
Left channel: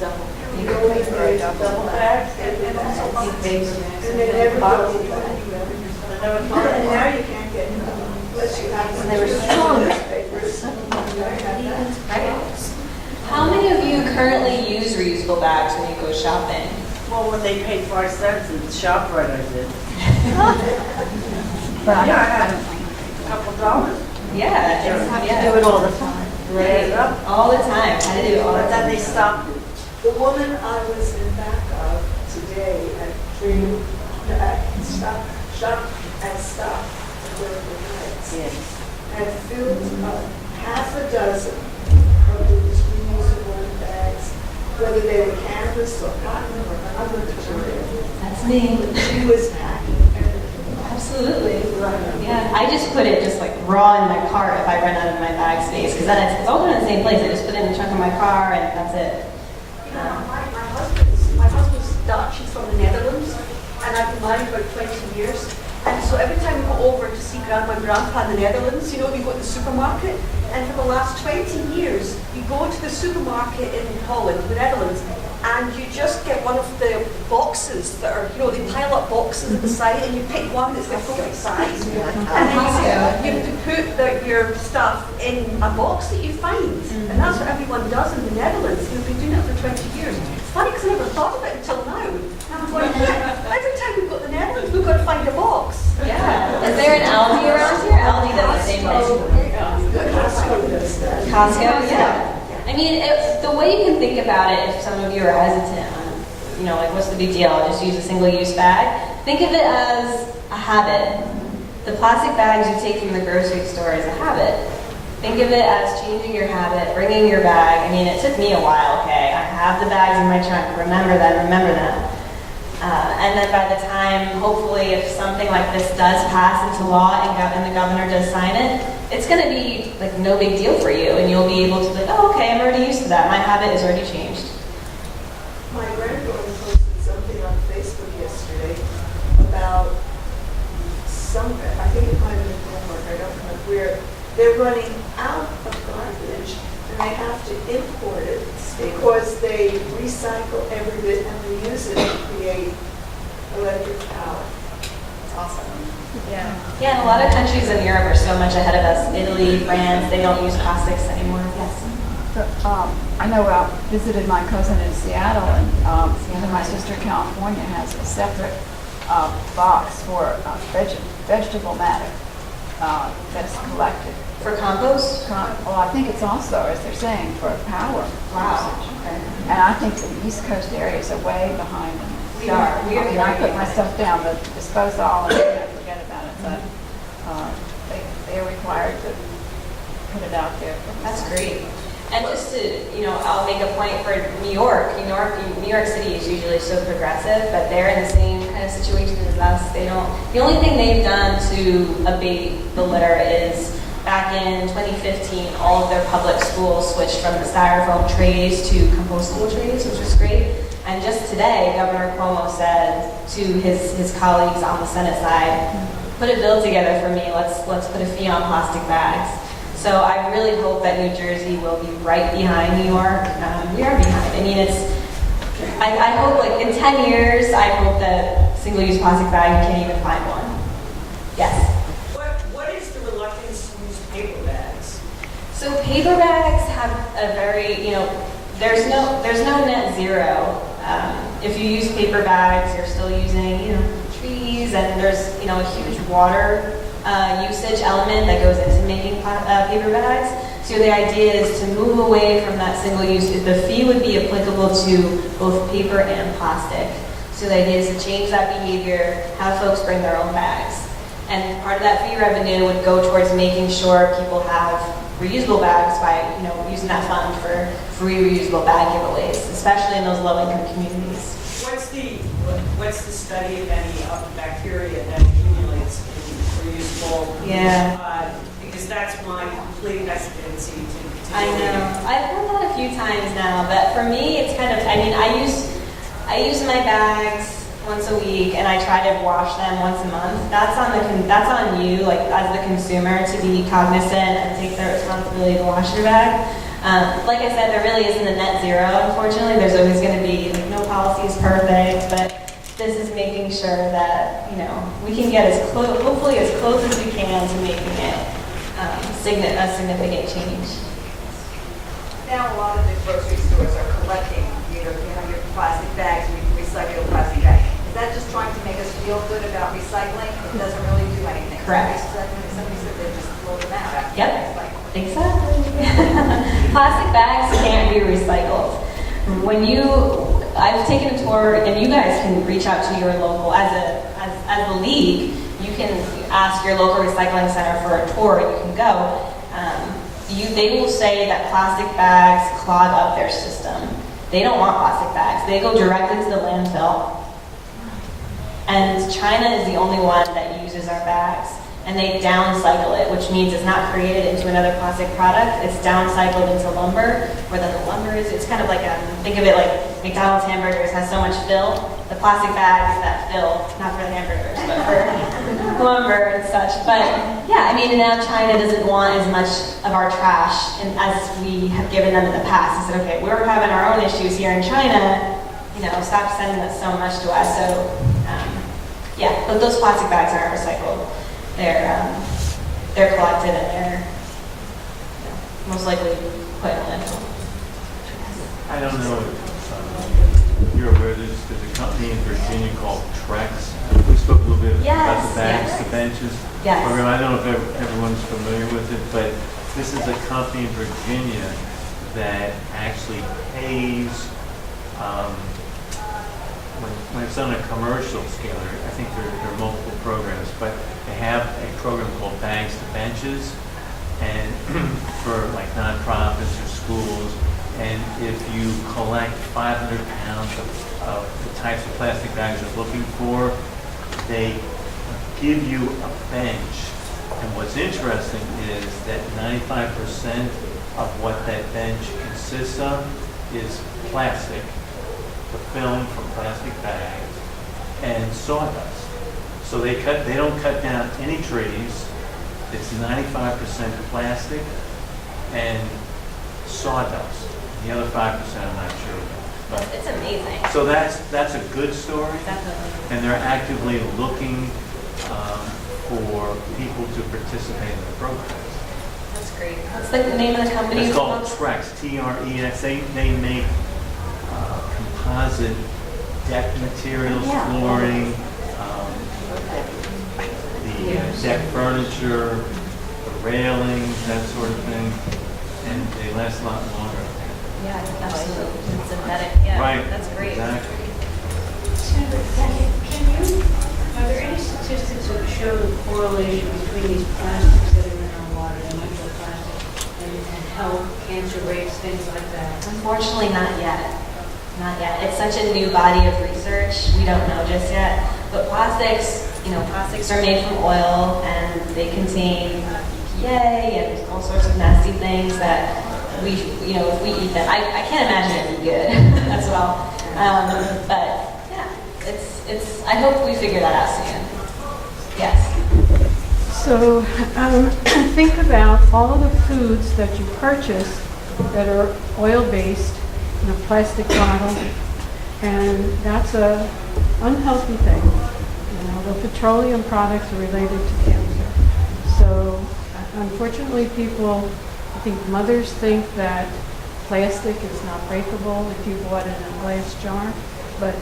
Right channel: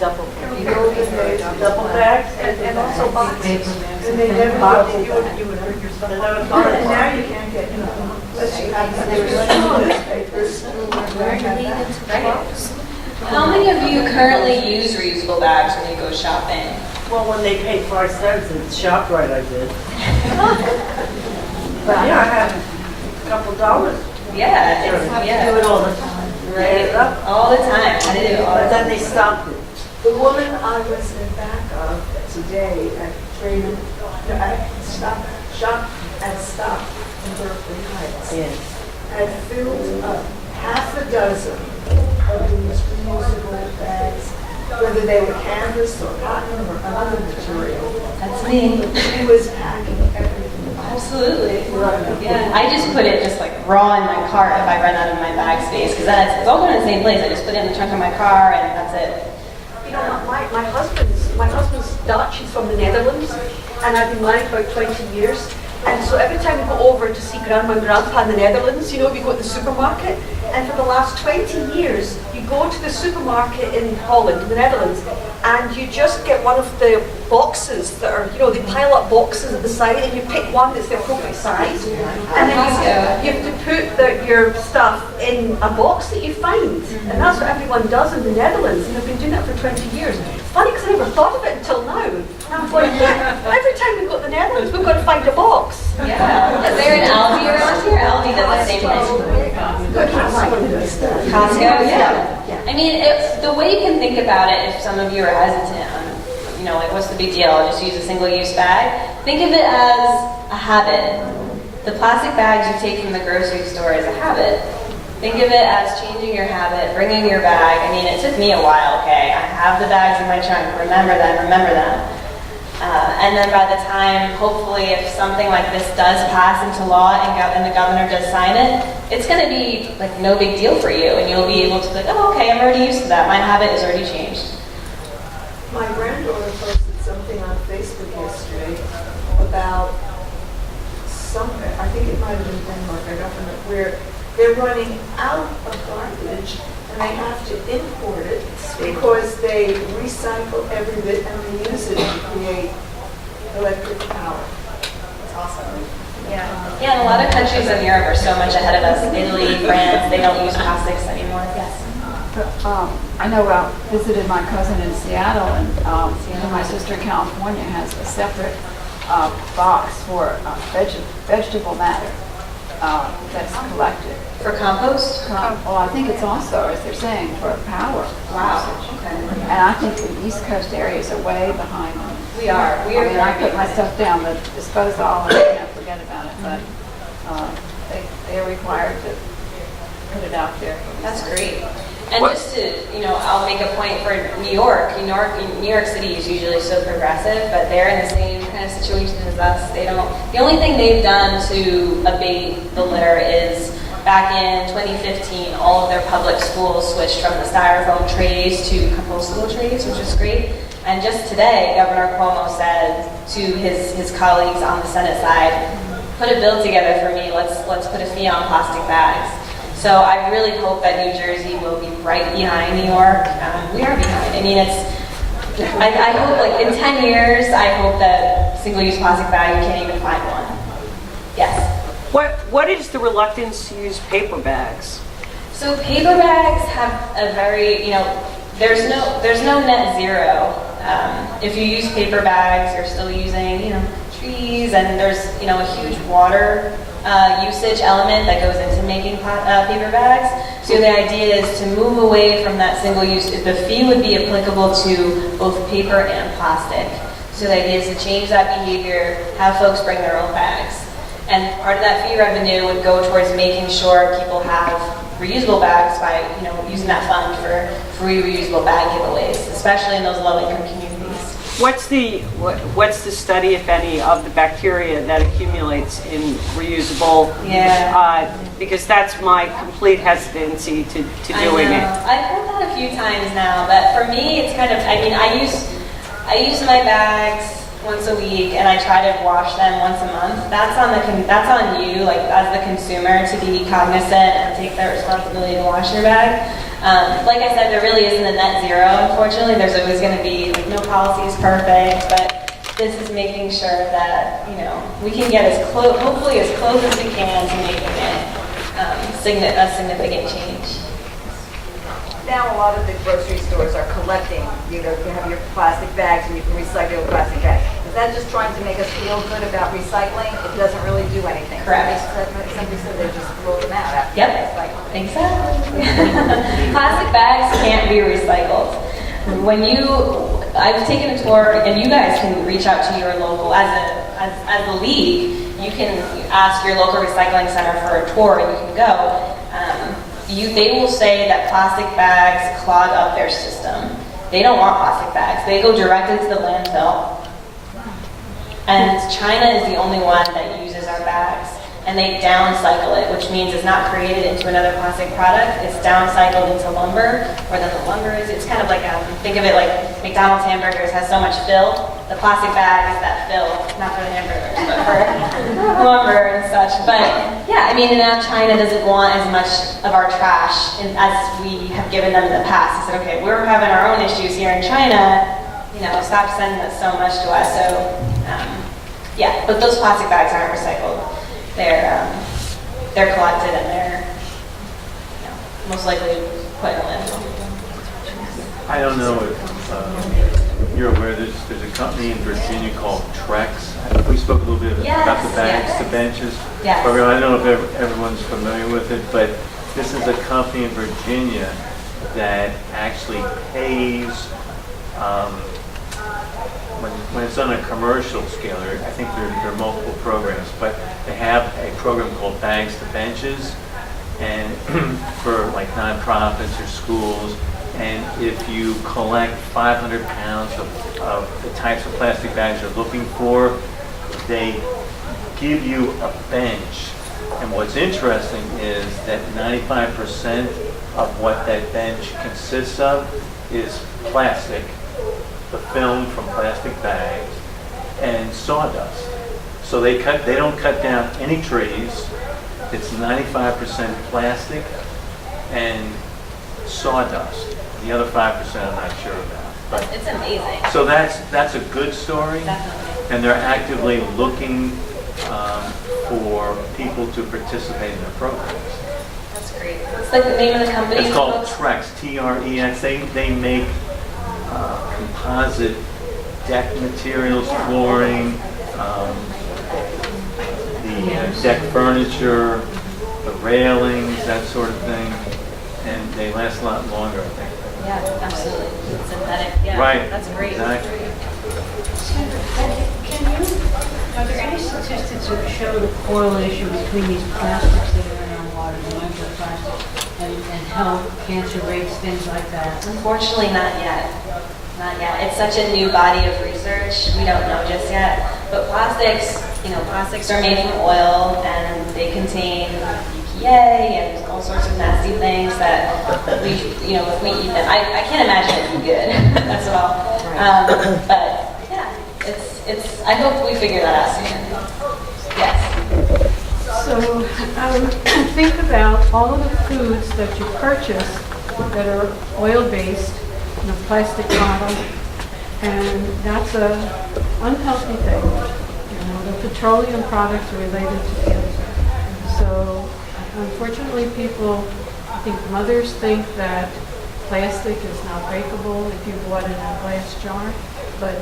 Double. Double bags. And also boxes. And they never Boxes. you would bring your stuff. And I was And like, now you can't get, unless you have some newspapers. How many of you currently use reusable bags when you go shopping? well, when they paid 5 cents at ShopRite, I did. But yeah, I had a couple dollars. Yeah, Do it all the time. right. Add it up. All the time. I do it all the But then time. they stopped it. The woman I was in back of today at shop in Berkeley Heights, Yeah. had filled up half a dozen of these reusable bags, whether they were canvas or cotton or another material. That's me. She was packing everything. Absolutely. Yeah. I just put it just like raw in my cart if I run out of my bag space, because then it's all going in the same place. I just put it in the trunk of my car and that's it. You know, my husband's Dutch, he's from the Netherlands, and I've been married for 20 years. And so every time we go over to see Grandma and Grandpa in the Netherlands, you know, we go to the supermarket, And for the last 20 years, you go to the supermarket in Holland, the Netherlands, and you just get one of the boxes that are, they pile up boxes at the side, and you pick one that's the appropriate size. And then you have to put your stuff in a box that you find. And that's what everyone does in the Netherlands, and they've been doing it for 20 years. It's funny because I never thought of it until now. And I'm going, every time we go to the Netherlands, we've got to find a box. Yeah. Is there an Aldi around here? Aldi does the same thing. Costco, yeah. I mean, the way you can think about it, if some of you are hesitant on, like what's the big deal? I'll just use a single-use bag. Think of it as a habit. The plastic bags you take from the grocery store is a habit. Think of it as changing your habit, bringing your bag. I mean, it took me a while, okay? I have the bags in my trunk, remember them. And then by the time, hopefully, if something like this does pass into law and the governor does sign it, it's going to be like no big deal for you, and you'll be able to be like, oh, okay, I'm already used to that. My habit is already changed. My granddaughter posted something on Facebook yesterday about I think it might have been Denmark, I don't remember, where they're running out of garbage and they have to import it because they recycle every bit and reuse it to create electric power. It's awesome. Yeah, and a lot of countries in Europe are so much ahead of us. Italy, France, they don't use plastics anymore. Yes. I know I visited my cousin in Seattle, and my sister in California has a separate box for vegetable matter that's collected. For compost? Well, I think it's also, as they're saying, for power usage. Okay. And I think the East Coast areas are way behind them. We are. I put my stuff down, but dispose all and I forget about it. But they are required to put it out there. That's great. And just to, I'll make a point for New York. New York City is usually so progressive, but they're in the same kind of situation as us. The only thing they've done to abate the litter is back in 2015, all of their public schools switched from the styrofoam trays to compostable trays, which is great. And just today, Governor Cuomo said to his colleagues on the Senate side, put a bill together for me, let's put a fee on plastic bags. So I really hope that New Jersey will be right behind New York. We are behind. I mean, I hope like in 10 years, I hope that single-use plastic bag, you can't even find one. Yes? What is the reluctance to use paper bags? So paper bags have a very, there's no net zero. If you use paper bags, you're still using, trees, and there's, a huge water usage element that goes into making paper bags. So the idea is to move away from that single use. The fee would be applicable to both paper and plastic. So the idea is to change that behavior, have folks bring their own bags. And part of that fee revenue would go towards making sure people have reusable bags by, using that fund for free reusable bag giveaways, especially in those low-income communities. What's the study, if any, of the bacteria that accumulates in reusable? Yeah. Because that's my complete hesitancy to doing it. I've heard that a few times now, but for me, it's kind of. I use my bags once a week, and I try to wash them once a month. That's on you, like as the consumer, to be cognizant and take the responsibility to wash your bag. Like I said, there really isn't a net zero, unfortunately. There's always going to be, no policy is perfect, but this is making sure that, we can get hopefully as close as we can to making it a significant change. Now a lot of the grocery stores are collecting, you have your plastic bags and you can recycle your plastic bags. Is that just trying to make us feel good about recycling? It doesn't really do anything. Correct. Somebody said they just throw them out after recycling. Exactly. Plastic bags can't be recycled. I've taken a tour, and you guys can reach out to your local, as a league, you can ask your local recycling center for a tour, and you can go. They will say that plastic bags clog up their system. They don't want plastic bags. They go directly to the landfill. And China is the only one that uses our bags. And they downcycle it, which means it's not created into another plastic product. It's downcycled into lumber, where then the lumber is. It's kind of like, think of it like McDonald's hamburgers has so much fill. the plastic bags that fill, not for the hamburgers, but for lumber and such. But yeah, I mean, now China doesn't want as much of our trash as we have given them in the past. They said, okay, we're having our own issues here in China, you know, stop sending us so much to us. So yeah, but those plastic bags aren't recycled. They're collected and they're most likely put in a landfill. I don't know if you're aware, there's a company in Virginia called Trex. We spoke a little bit about the bags, yes. the benches. Yes. I don't know if everyone's familiar with it, but this is a company in Virginia that actually pays, when it's on a commercial scale, I think there are multiple programs, but they have a program called Bags to Benches, and for like nonprofits or schools. And if you collect 500 pounds of the types of plastic bags you're looking for, they give you a bench. And what's interesting is that 95% of what that bench consists of is plastic, the film from plastic bags, and sawdust. So they don't cut down any trees. It's 95% plastic and sawdust. The other 5% I'm not sure about. But It's amazing. so that's a good story. Definitely. And they're actively looking for people to participate in their programs. That's great. What's the name of the company? It's called Trex, T-R-E-X. They make composite deck materials, flooring, the deck furniture, the railings, that sort of thing. And they last a lot longer, I think. Yeah, absolutely. It's synthetic. Yeah, Right. That's great. Exactly. Are there any statistics that show the correlation between these plastics that are in our water, the microplastics, and health, cancer rates, things like that? Unfortunately, not yet. Not yet. It's such a new body of research. We don't know just yet. But plastics, plastics are made from oil and they contain BPA and all sorts of nasty things that we, if we eat them, I can't imagine it'd be good as well. But yeah, it's. I hope we figure that out soon. Yes. So think about all of the foods that you purchase that are oil-based in a plastic bottle, and that's a unhealthy thing. The petroleum products are related to cancer. So unfortunately, I think mothers think that plastic is not breakable if you bought it in a glass jar, but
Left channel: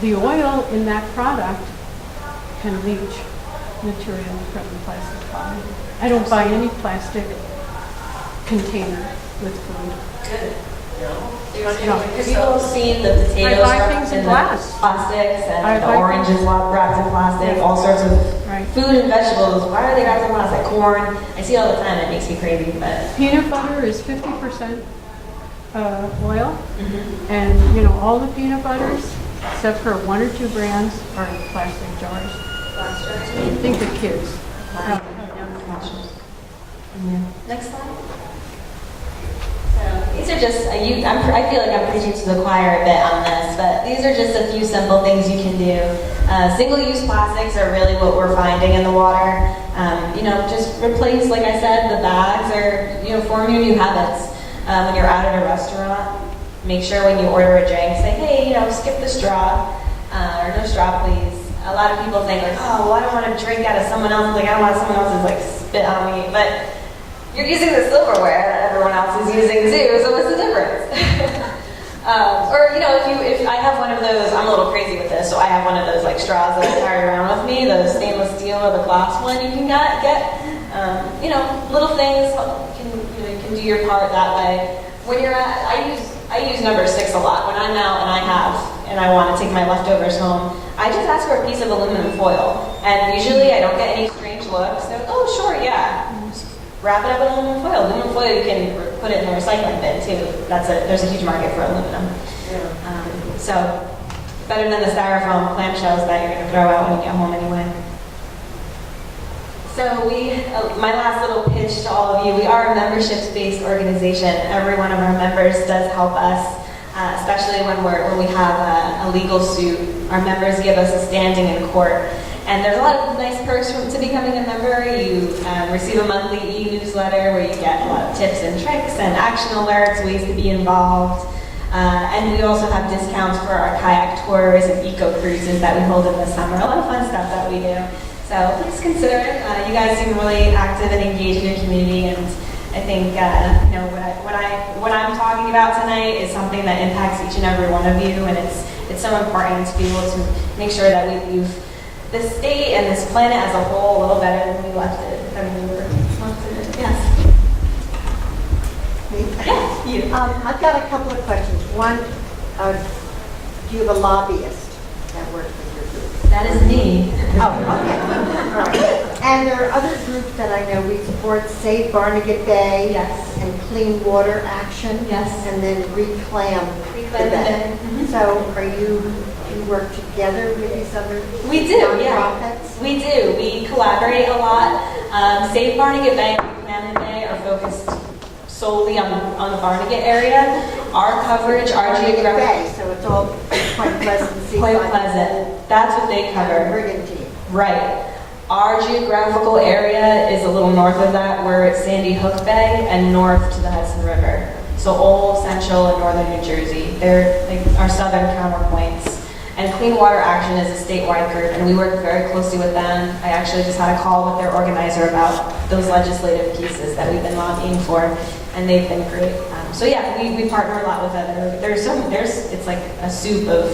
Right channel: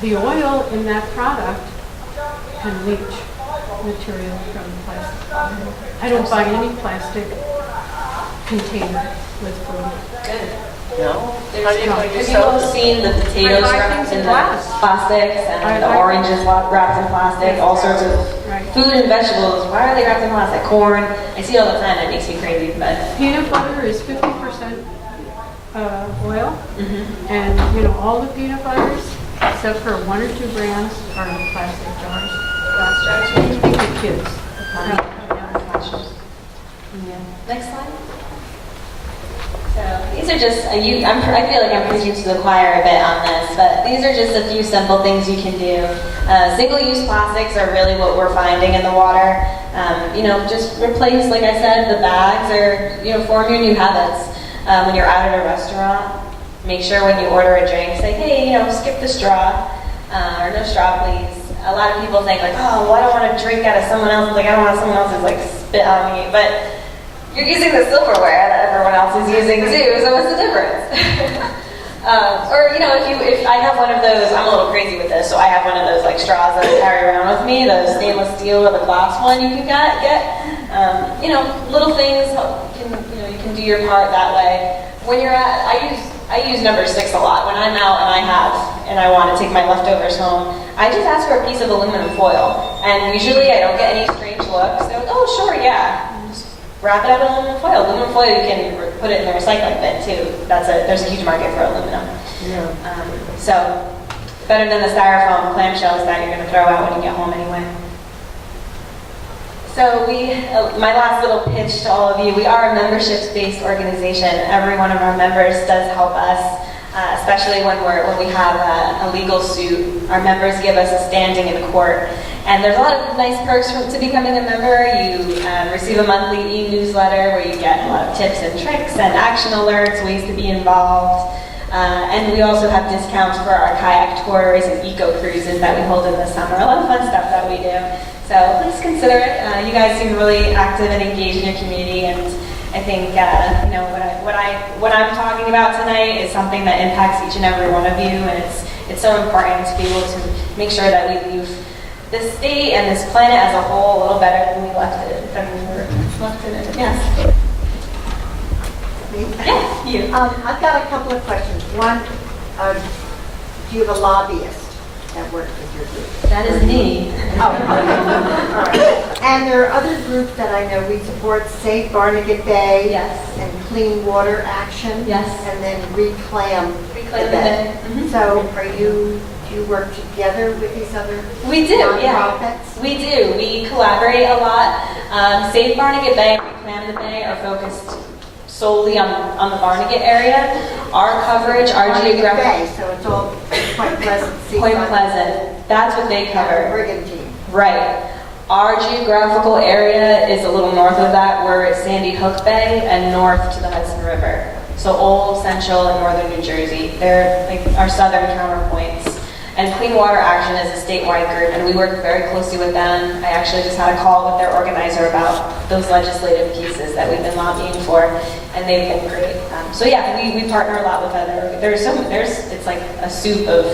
the oil in that product can leach material from the plastic bottle. I don't buy any plastic container with food. Good. No? Have you all seen the potatoes I buy wrapped things in in glass. plastics and I the buy oranges things- wrapped in plastic, all sorts of Right. food and vegetables? Why are they wrapped in plastic? Corn. I see it all the time. It makes me crazy, but Peanut butter is 50% oil, and all the peanut butters, except for 1 or 2 brands, are in plastic jars. glass jars. What do you think of kids? Yeah. Next slide. So these are just, I feel like I'm preaching to the choir a bit on this, but these are just a few simple things you can do. Single-use plastics are really what we're finding in the water. Just replace, like I said, the bags, or form your new habits. When you're out at a restaurant, make sure when you order a drink, say, hey, skip the straw, or no straw, please. A lot of people think like, oh, well, I don't want to drink out of someone else's, I don't want someone else's spit on me, but you're using the silverware that everyone else is using too, so what's the difference? If I have one of those, I'm a little crazy with this, so I have one of those straws that I carry around with me, the stainless steel or the glass one you can get. Little things, you can do your part that way. When you're I use number 6 a lot. When I'm out and I want to take my leftovers home, I just ask for a piece of aluminum foil. And usually I don't get any strange looks. They're like, oh, sure, yeah. Just wrap it up in aluminum foil. Aluminum foil, you can put it in the recycling bin too. There's a huge market for aluminum. Yeah. So better than the styrofoam clamshells that you're going to throw out when you get home anyway. So my last little pitch to all of you, we are a membership-based organization. Every one of our members does help us especially when we have a legal suit. Our members give us a standing in court. And there's a lot of nice perks to becoming a member. You receive a monthly e-newsletter where you get a lot of tips and tricks and action alerts, ways to be involved. And we also have discounts for our kayak tours and eco cruises that we hold in the summer. A lot of fun stuff that we do. So please consider it. You guys seem really active and engaged in your community, and I think what I'm talking about tonight is something that impacts each and every one of you, and it's so important to be able to make sure that we leave this state and this planet as a whole a little better than we left it. Yes. Yeah, you. I've got a couple of questions. One, do you have a lobbyist that works with your group? That is me. Oh, okay. All right. And there are other groups that I know we support, Save Barnegat Bay. Yes. And Clean Water Action. Yes. And then Reclaim the Reclaim the Bay. Bay. So do you work together with these other We do, yeah. nonprofits? We do. We collaborate a lot. Save Barnegat Bay and Reclaim the Bay are focused solely on the Barnegat area. Our coverage, our Barnegat geographic... Bay, so it's all Point Pleasant, Point Seaside. Pleasant. That's what they cover. Brigantine. Right. Our geographical area is a little north of that. We're at Sandy Hook Bay and north to the Hudson River. So Old, Central, and Northern New Jersey. They're like our southern counterpoints. And Clean Water Action is a statewide group, and we work very closely with them. I actually just had a call with their organizer about those legislative pieces that we've been lobbying for, and they've been great. So yeah, we partner a lot with other. It's like a soup of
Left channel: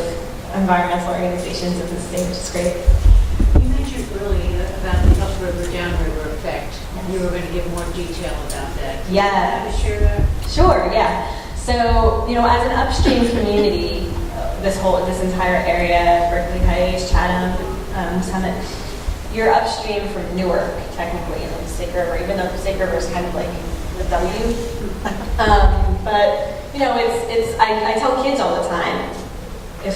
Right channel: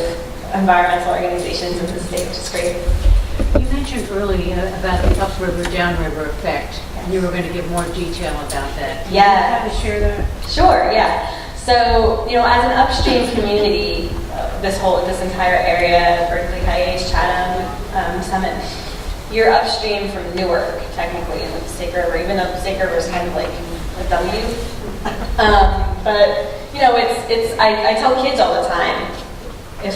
environmental organizations in the state, which is great. You mentioned earlier about the upriver, downriver effect, and you were going to give more detail about that. Can you have to share that? Sure, yeah. So, as an upstream community, this entire area, Berkeley, IH, Chatham, Summit, you're upstream from Newark, technically, in the Snake River, even though the Snake River is kind of like a W. But, I tell kids all the time, I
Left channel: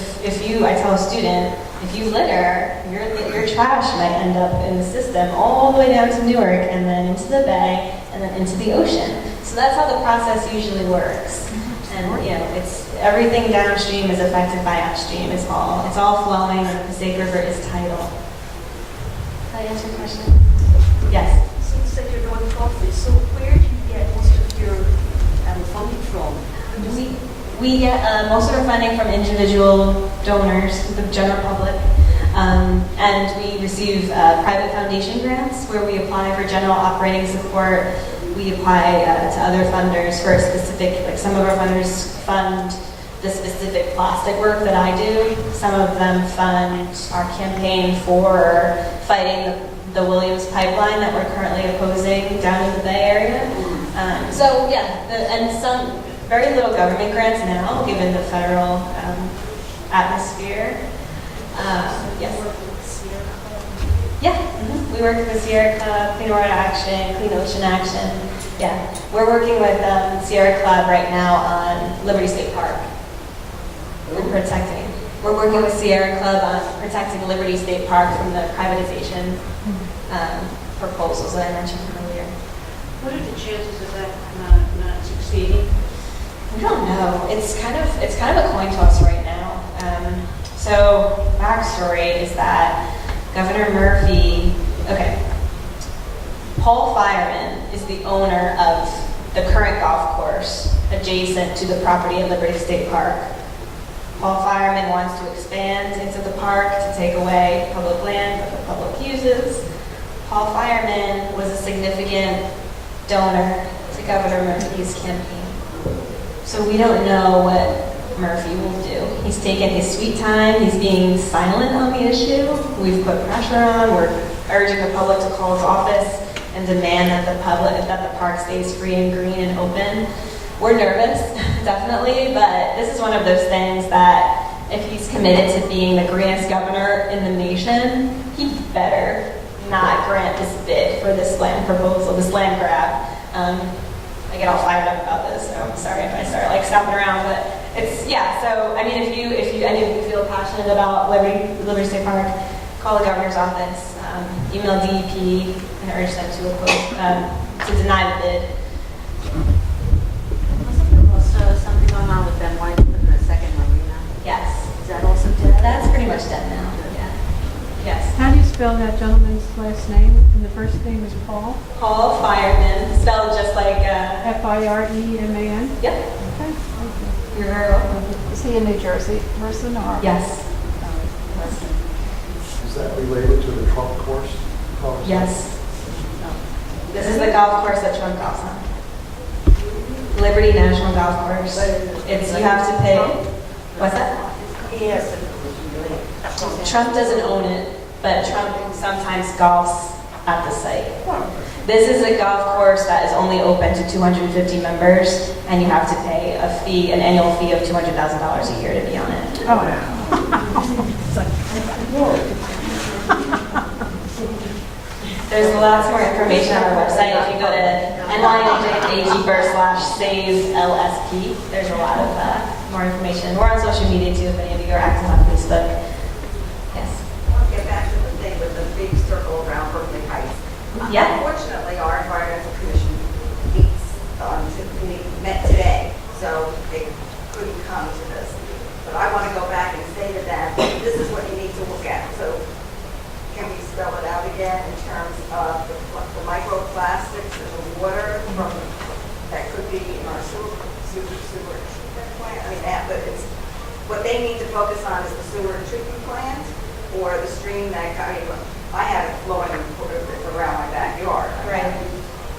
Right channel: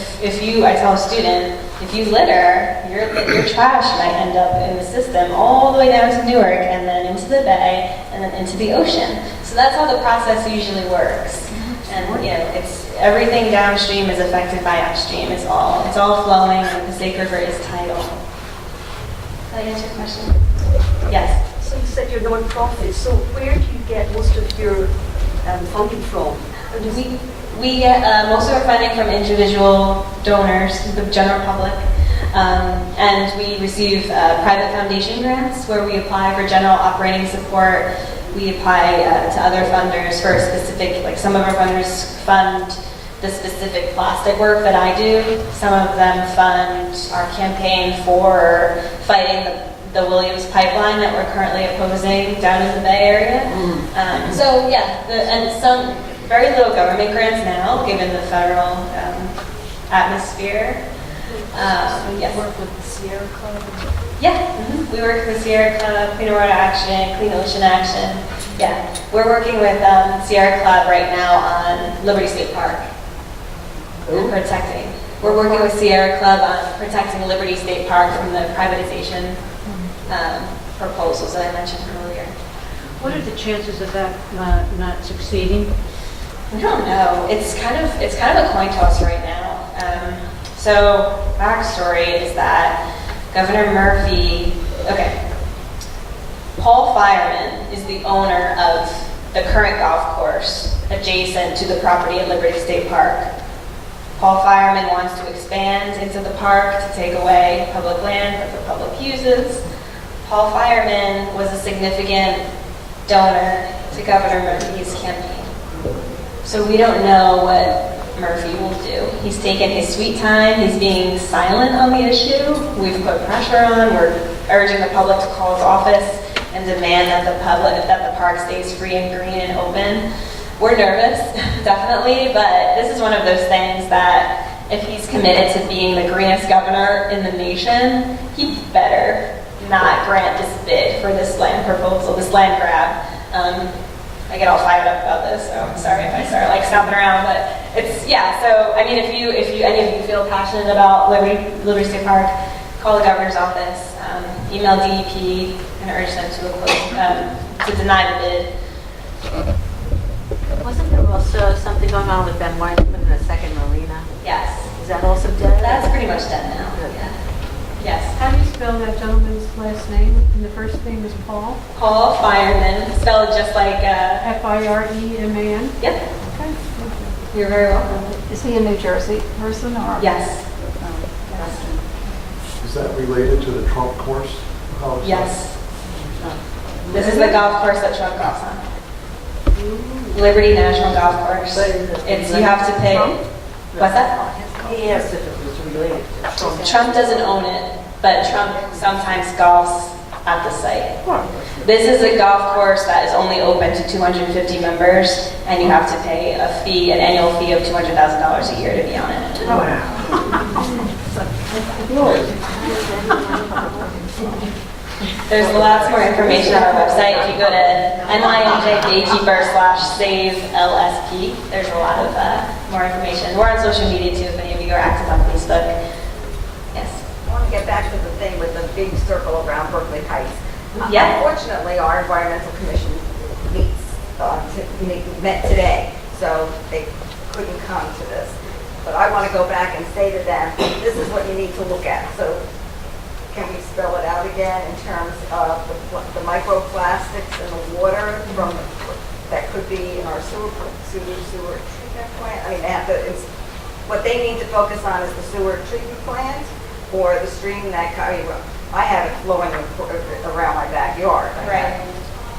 tell a student, if you litter, your trash might end up in the system all the way down to Newark and then into the bay and then into the ocean. So that's how the process usually works. And it's everything downstream is affected by upstream. It's all flowing, and the Snake River is tidal. Did I answer your question? Yes. So you said you're non-profit, so where do you get most of your funding from? We get most of our funding from individual donors, the general public, and we receive private foundation grants where we apply for general operating support. We apply to other funders for a specific, like some of our funders fund the specific plastic work that I do. Some of them fund our campaign for fighting the Williams pipeline that we're currently opposing down in the Bay Area. And some very little government grants now, given the federal atmosphere. Yes. Work with the Sierra Club? Yeah, we work with Sierra Club, Clean Water Action, Clean Ocean Action. Yeah, we're working with Sierra Club right now on Liberty State Park. Protecting. We're working with Sierra Club on protecting Liberty State Park from the privatization proposals that I mentioned earlier. What are the chances of that not succeeding? I don't know. It's kind of a coin toss right now. So backstory is that Governor Murphy, Paul Fireman is the owner of the current golf course adjacent to the property at Liberty State Park. Paul Fireman wants to expand into the park to take away public land that the public uses. Paul Fireman was a significant donor to Governor Murphy's campaign. So we don't know what Murphy will do. He's taken his sweet time. He's being silent on the issue. We've put pressure on. We're urging the public to call his office and demand that the park stays free and green and open. We're nervous, definitely, but this is one of those things that if he's committed to being the greenest governor in the nation, he better not grant this bid for this land proposal, this land grab. I get all fired up about this, so I'm sorry if I start stomping around, but it's, so, I mean, if any of you feel passionate about Liberty State Park, call the governor's office, email DEP, and urge them to deny the bid. Wasn't there also also something going on with Ben White putting a second marina? Yes. Is that also dead? That's pretty much done now. Yeah. Yes. How do you spell that gentleman's last name? And the first name is Paul? Paul Fireman, spelled just like, Fireman? yep. Okay, thank you. You're very welcome. Is he a New Jersey person or? Yes. Is that related to the Trump course? How is that? Yes. This is the golf course that Trump golfs on. Liberty National Golf Course. It's, you have to pay. What's that? He asked if it was related. Trump doesn't own it, but Trump sometimes golfs at the site. This is a golf course that is only open to 250 members, and you have to pay a fee, an annual fee of $200,000 a year to be on it. Oh, wow. There's lots more information on our website. If you go to NYNJGatekeeper/SaveLSP, there's a lot of more information. We're on social media too, if any of you are active on Facebook. Yes. I want to get back to the thing with the big circle around Berkeley Heights. Yeah. Unfortunately, our environmental commission met today, so they couldn't come to this. But I want to go back and say to them, this is what you need to look at. So can we spell it out again in terms of the microplastics in the water from that could be in our sewer treatment plant? I mean, what they need to focus on is the sewer treatment plant or the stream that, I have it flowing around my backyard. Right.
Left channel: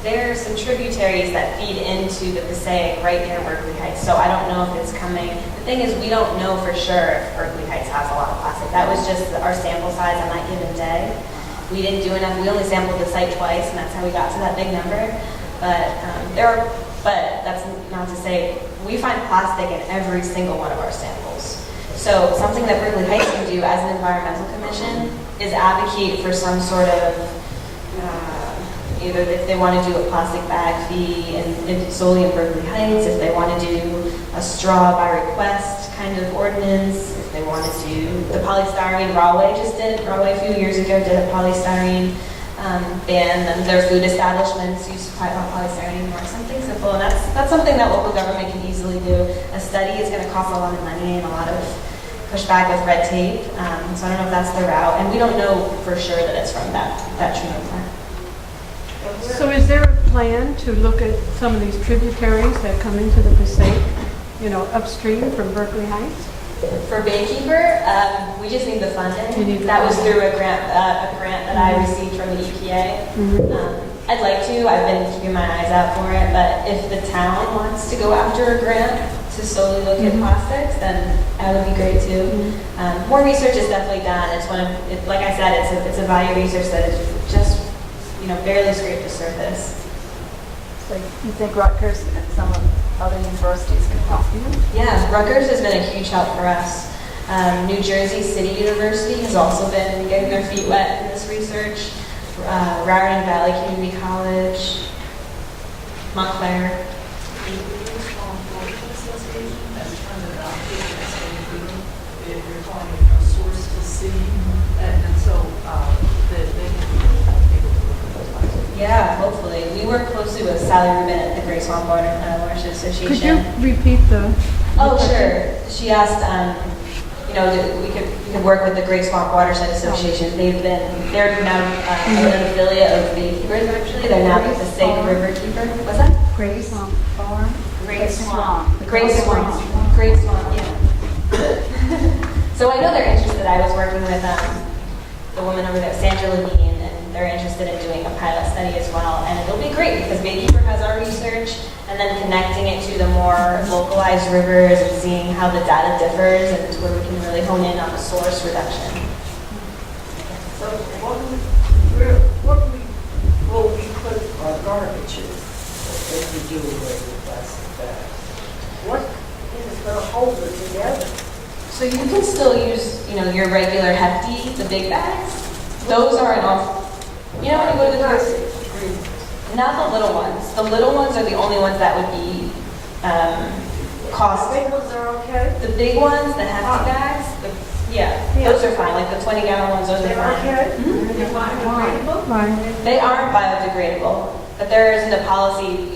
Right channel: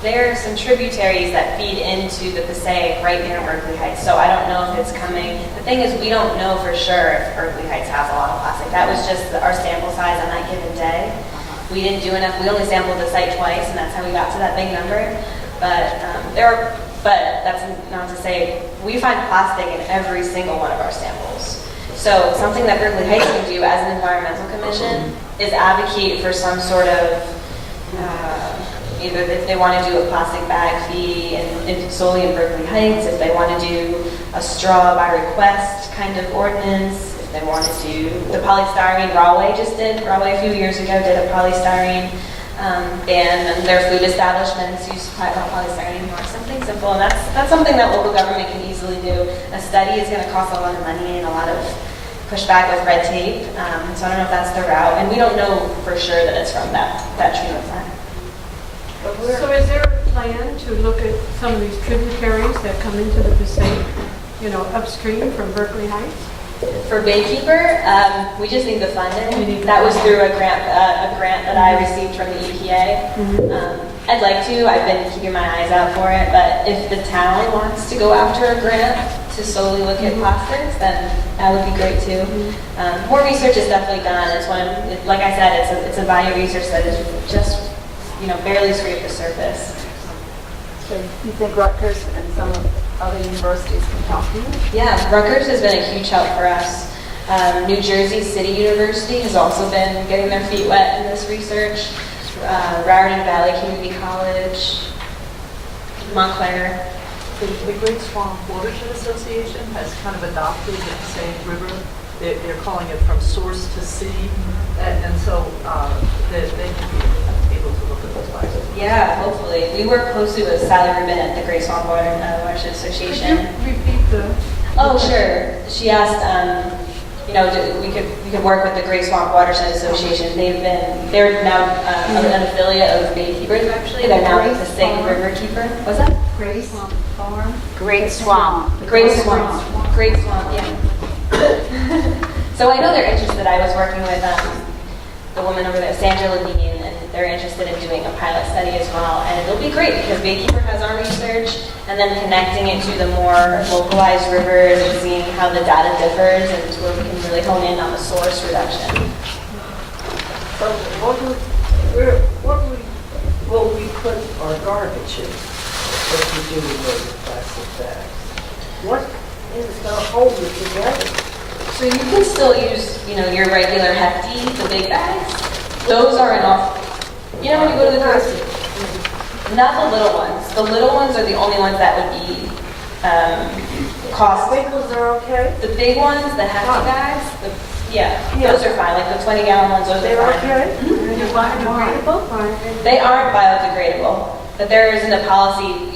There are some tributaries that feed into the Passaic right near Berkeley Heights, so I don't know if it's coming. The thing is, we don't know for sure if Berkeley Heights has a lot of plastic. That was just our sample size on that given day. We didn't do enough. We only sampled the site twice, and that's how we got to that big number. But but that's not to say we find plastic in every single one of our samples. So something that Berkeley Heights can do as an environmental commission is advocate for some sort of either if they want to do a plastic bag fee and solely in Berkeley Heights, if they want to do a straw by request kind of ordinance, if they want to do the polystyrene, Rahway a few years ago did a polystyrene ban, and their food establishments use polystyrene anymore, something simple, and that's something that local government can easily do. A study is going to cost a lot of money and a lot of pushback with red tape, so I don't know if that's the route, and we don't know for sure that it's from that treatment plant. So is there a plan to look at some of these tributaries that come into the Passaic, upstream from Berkeley Heights? For Baykeeper, we just need the funding. That was through a grant that I received from the EPA. I'd like to. I've been keeping my eyes out for it, but if the town wants to go after a grant to solely look at plastics, then that would be great too. More research is definitely done. It's like I said, it's a value research that is just barely scraped the surface. So you think Rutgers and some of other universities can help you? Yeah, Rutgers has been a huge help for us. New Jersey City University has also been getting their feet wet in this research. Raritan Valley Community College, Montclair. The Great Swamp Watershed Association has kind of adopted the same river. They're calling it from source to sea, and so they can be able to look at those plastics. Yeah, hopefully. We work closely with Sally Rubin at the Great Swamp Watershed Association. Could you repeat the? Oh, sure. She asked, we could work with the Great Swamp Watershed Association. They're now an affiliate of Baykeepers, actually. They're now the Passaic River Keeper. What's that? Great Swamp Farm? Great Swamp. Great Swamp. Great Swamp, yeah. So I know they're interested. I was working with the woman over there, Sandra Levine, and they're interested in doing a pilot study as well. And it'll be great because Baykeeper has our research, and then connecting it to the more localized rivers and seeing how the data differs and where we can really hone in on the source reduction. So what will we put our garbage in? What to do with the plastic bags? What is going to hold it together? So you can still use, your regular Hefty, the big bags. Those are enough. When you go to the grocery, not the little ones. The little ones are the only ones that would be cost. The big ones are okay? The big ones, the Hefty bags, those are fine. Like the 20-gallon ones, those are fine. They're okay? They're biodegradable? They aren't biodegradable, but there isn't a policy,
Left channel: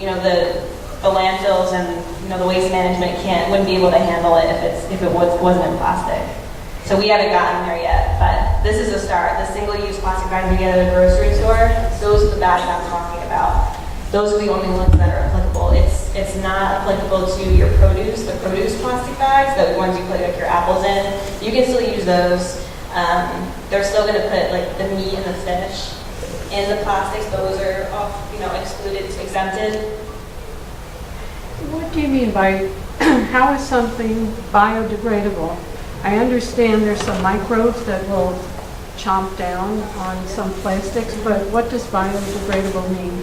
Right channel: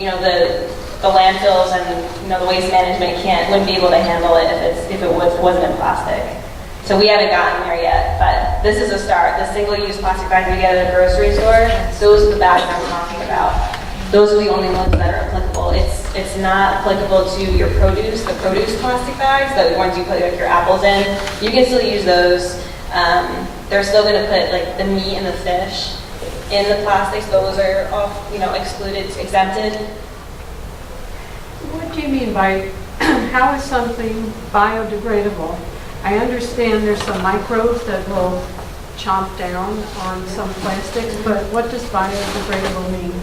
the landfills and, the waste management wouldn't be able to handle it if it wasn't in plastic. So we haven't gotten there yet, but this is a start. The single-use plastic bags we get at a grocery store, those are the bags I'm talking about. Those are the only ones that are applicable. It's not applicable to your produce, the produce plastic bags, the ones you put like your apples in. You can still use those. They're still going to put like the meat and the fish in the plastics. Those are off, excluded, exempted. What do you mean by, how is something biodegradable? I understand there's some microbes that will chomp down on some plastics, but what does biodegradable mean?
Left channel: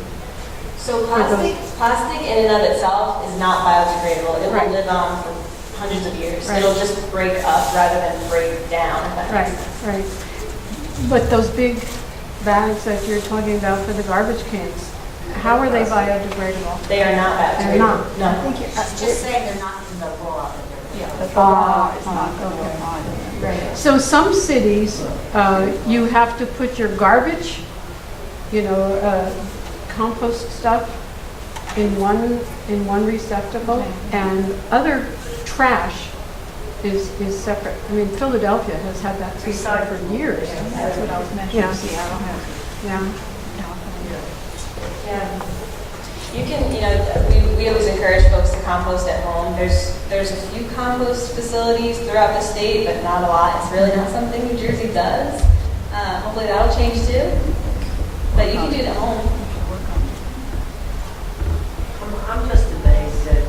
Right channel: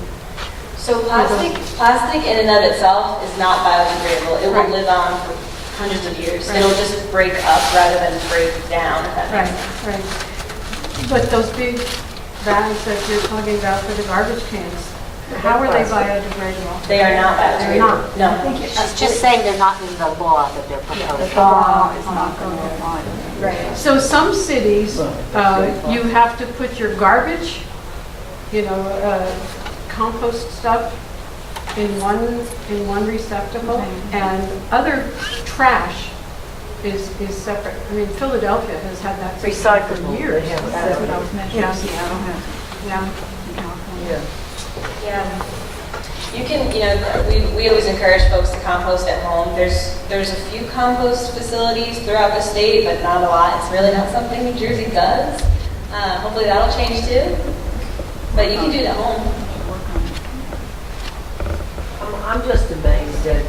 So plastic in and of itself is not biodegradable. It will live on for hundreds of years. It'll just break up rather than break down, if that makes sense. Right. But those big bags that you're talking about for the garbage cans, how are they biodegradable? They are not biodegradable. They're not. No. She's just saying they're not in the law that they're proposing. The law is not going to apply to them. Right. So some cities, you have to put your garbage, compost stuff in one receptacle, and other trash is separate. I mean, Philadelphia has had that system for years. That's what I was mentioning. Yeah. Seattle has it. Yeah. In California. Yeah. You can, we always encourage folks to compost at home. There's a few compost facilities throughout the state, but not a lot. It's really not something New Jersey does. Hopefully that'll change too. But you can do it at home. I'm just amazed that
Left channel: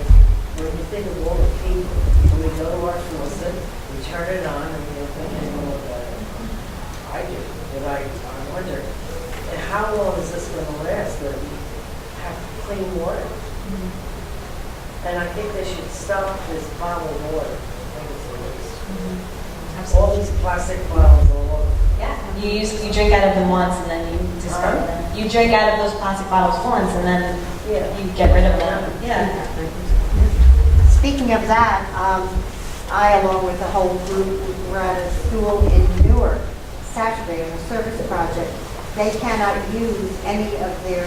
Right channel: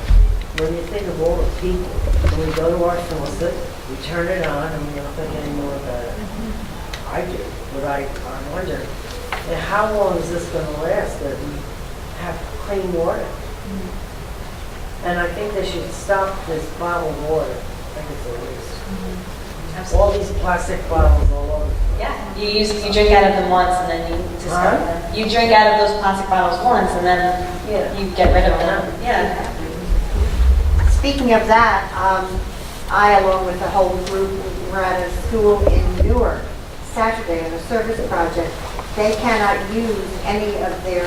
when you think of all the people, when we go to our faucet, we turn it on and we don't think any more about it. I do, but I wonder, and how long is this going to last that we have clean water? And I think they should stop this bottled water. I think it's a waste. All these plastic bottles all over. Yeah, you drink out of them once and then you discard them. You drink out of those plastic bottles once and then you get rid of them. Yeah. Speaking of that, I, along with the whole group, were at a school in Newark Saturday on a service project. They cannot use any of their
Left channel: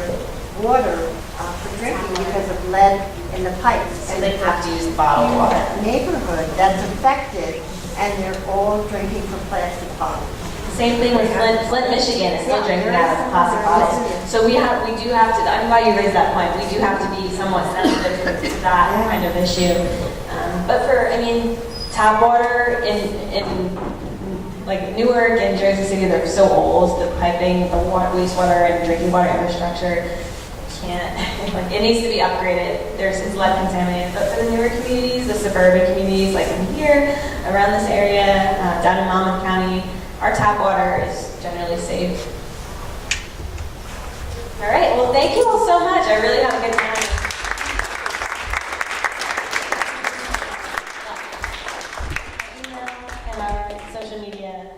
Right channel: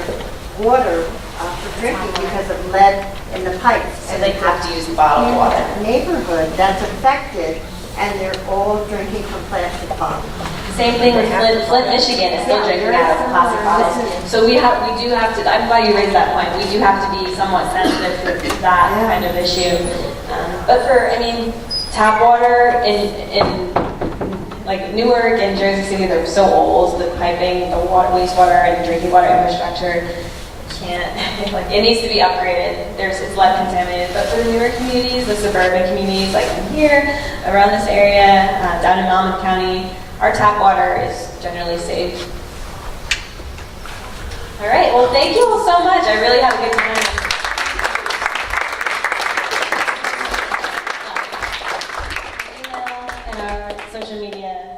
water for drinking because of lead in the pipes. So they have to use bottled water. Neighborhood that's affected, and they're all drinking from plastic bottles. Same thing with Flint, Michigan is still drinking out of plastic bottles. So we do have to, I'm glad you raised that point, we do have to be somewhat sensitive to that kind of issue. But tap water in like Newark and Jersey City, they're so old, the piping, the wastewater and drinking water infrastructure it needs to be upgraded. It's lead contaminated. But for the newer communities, the suburban communities like in here, around this area, down in Monmouth County, our tap water is generally safe. All right, well, thank you all so much. I really had a good time. Email and our social media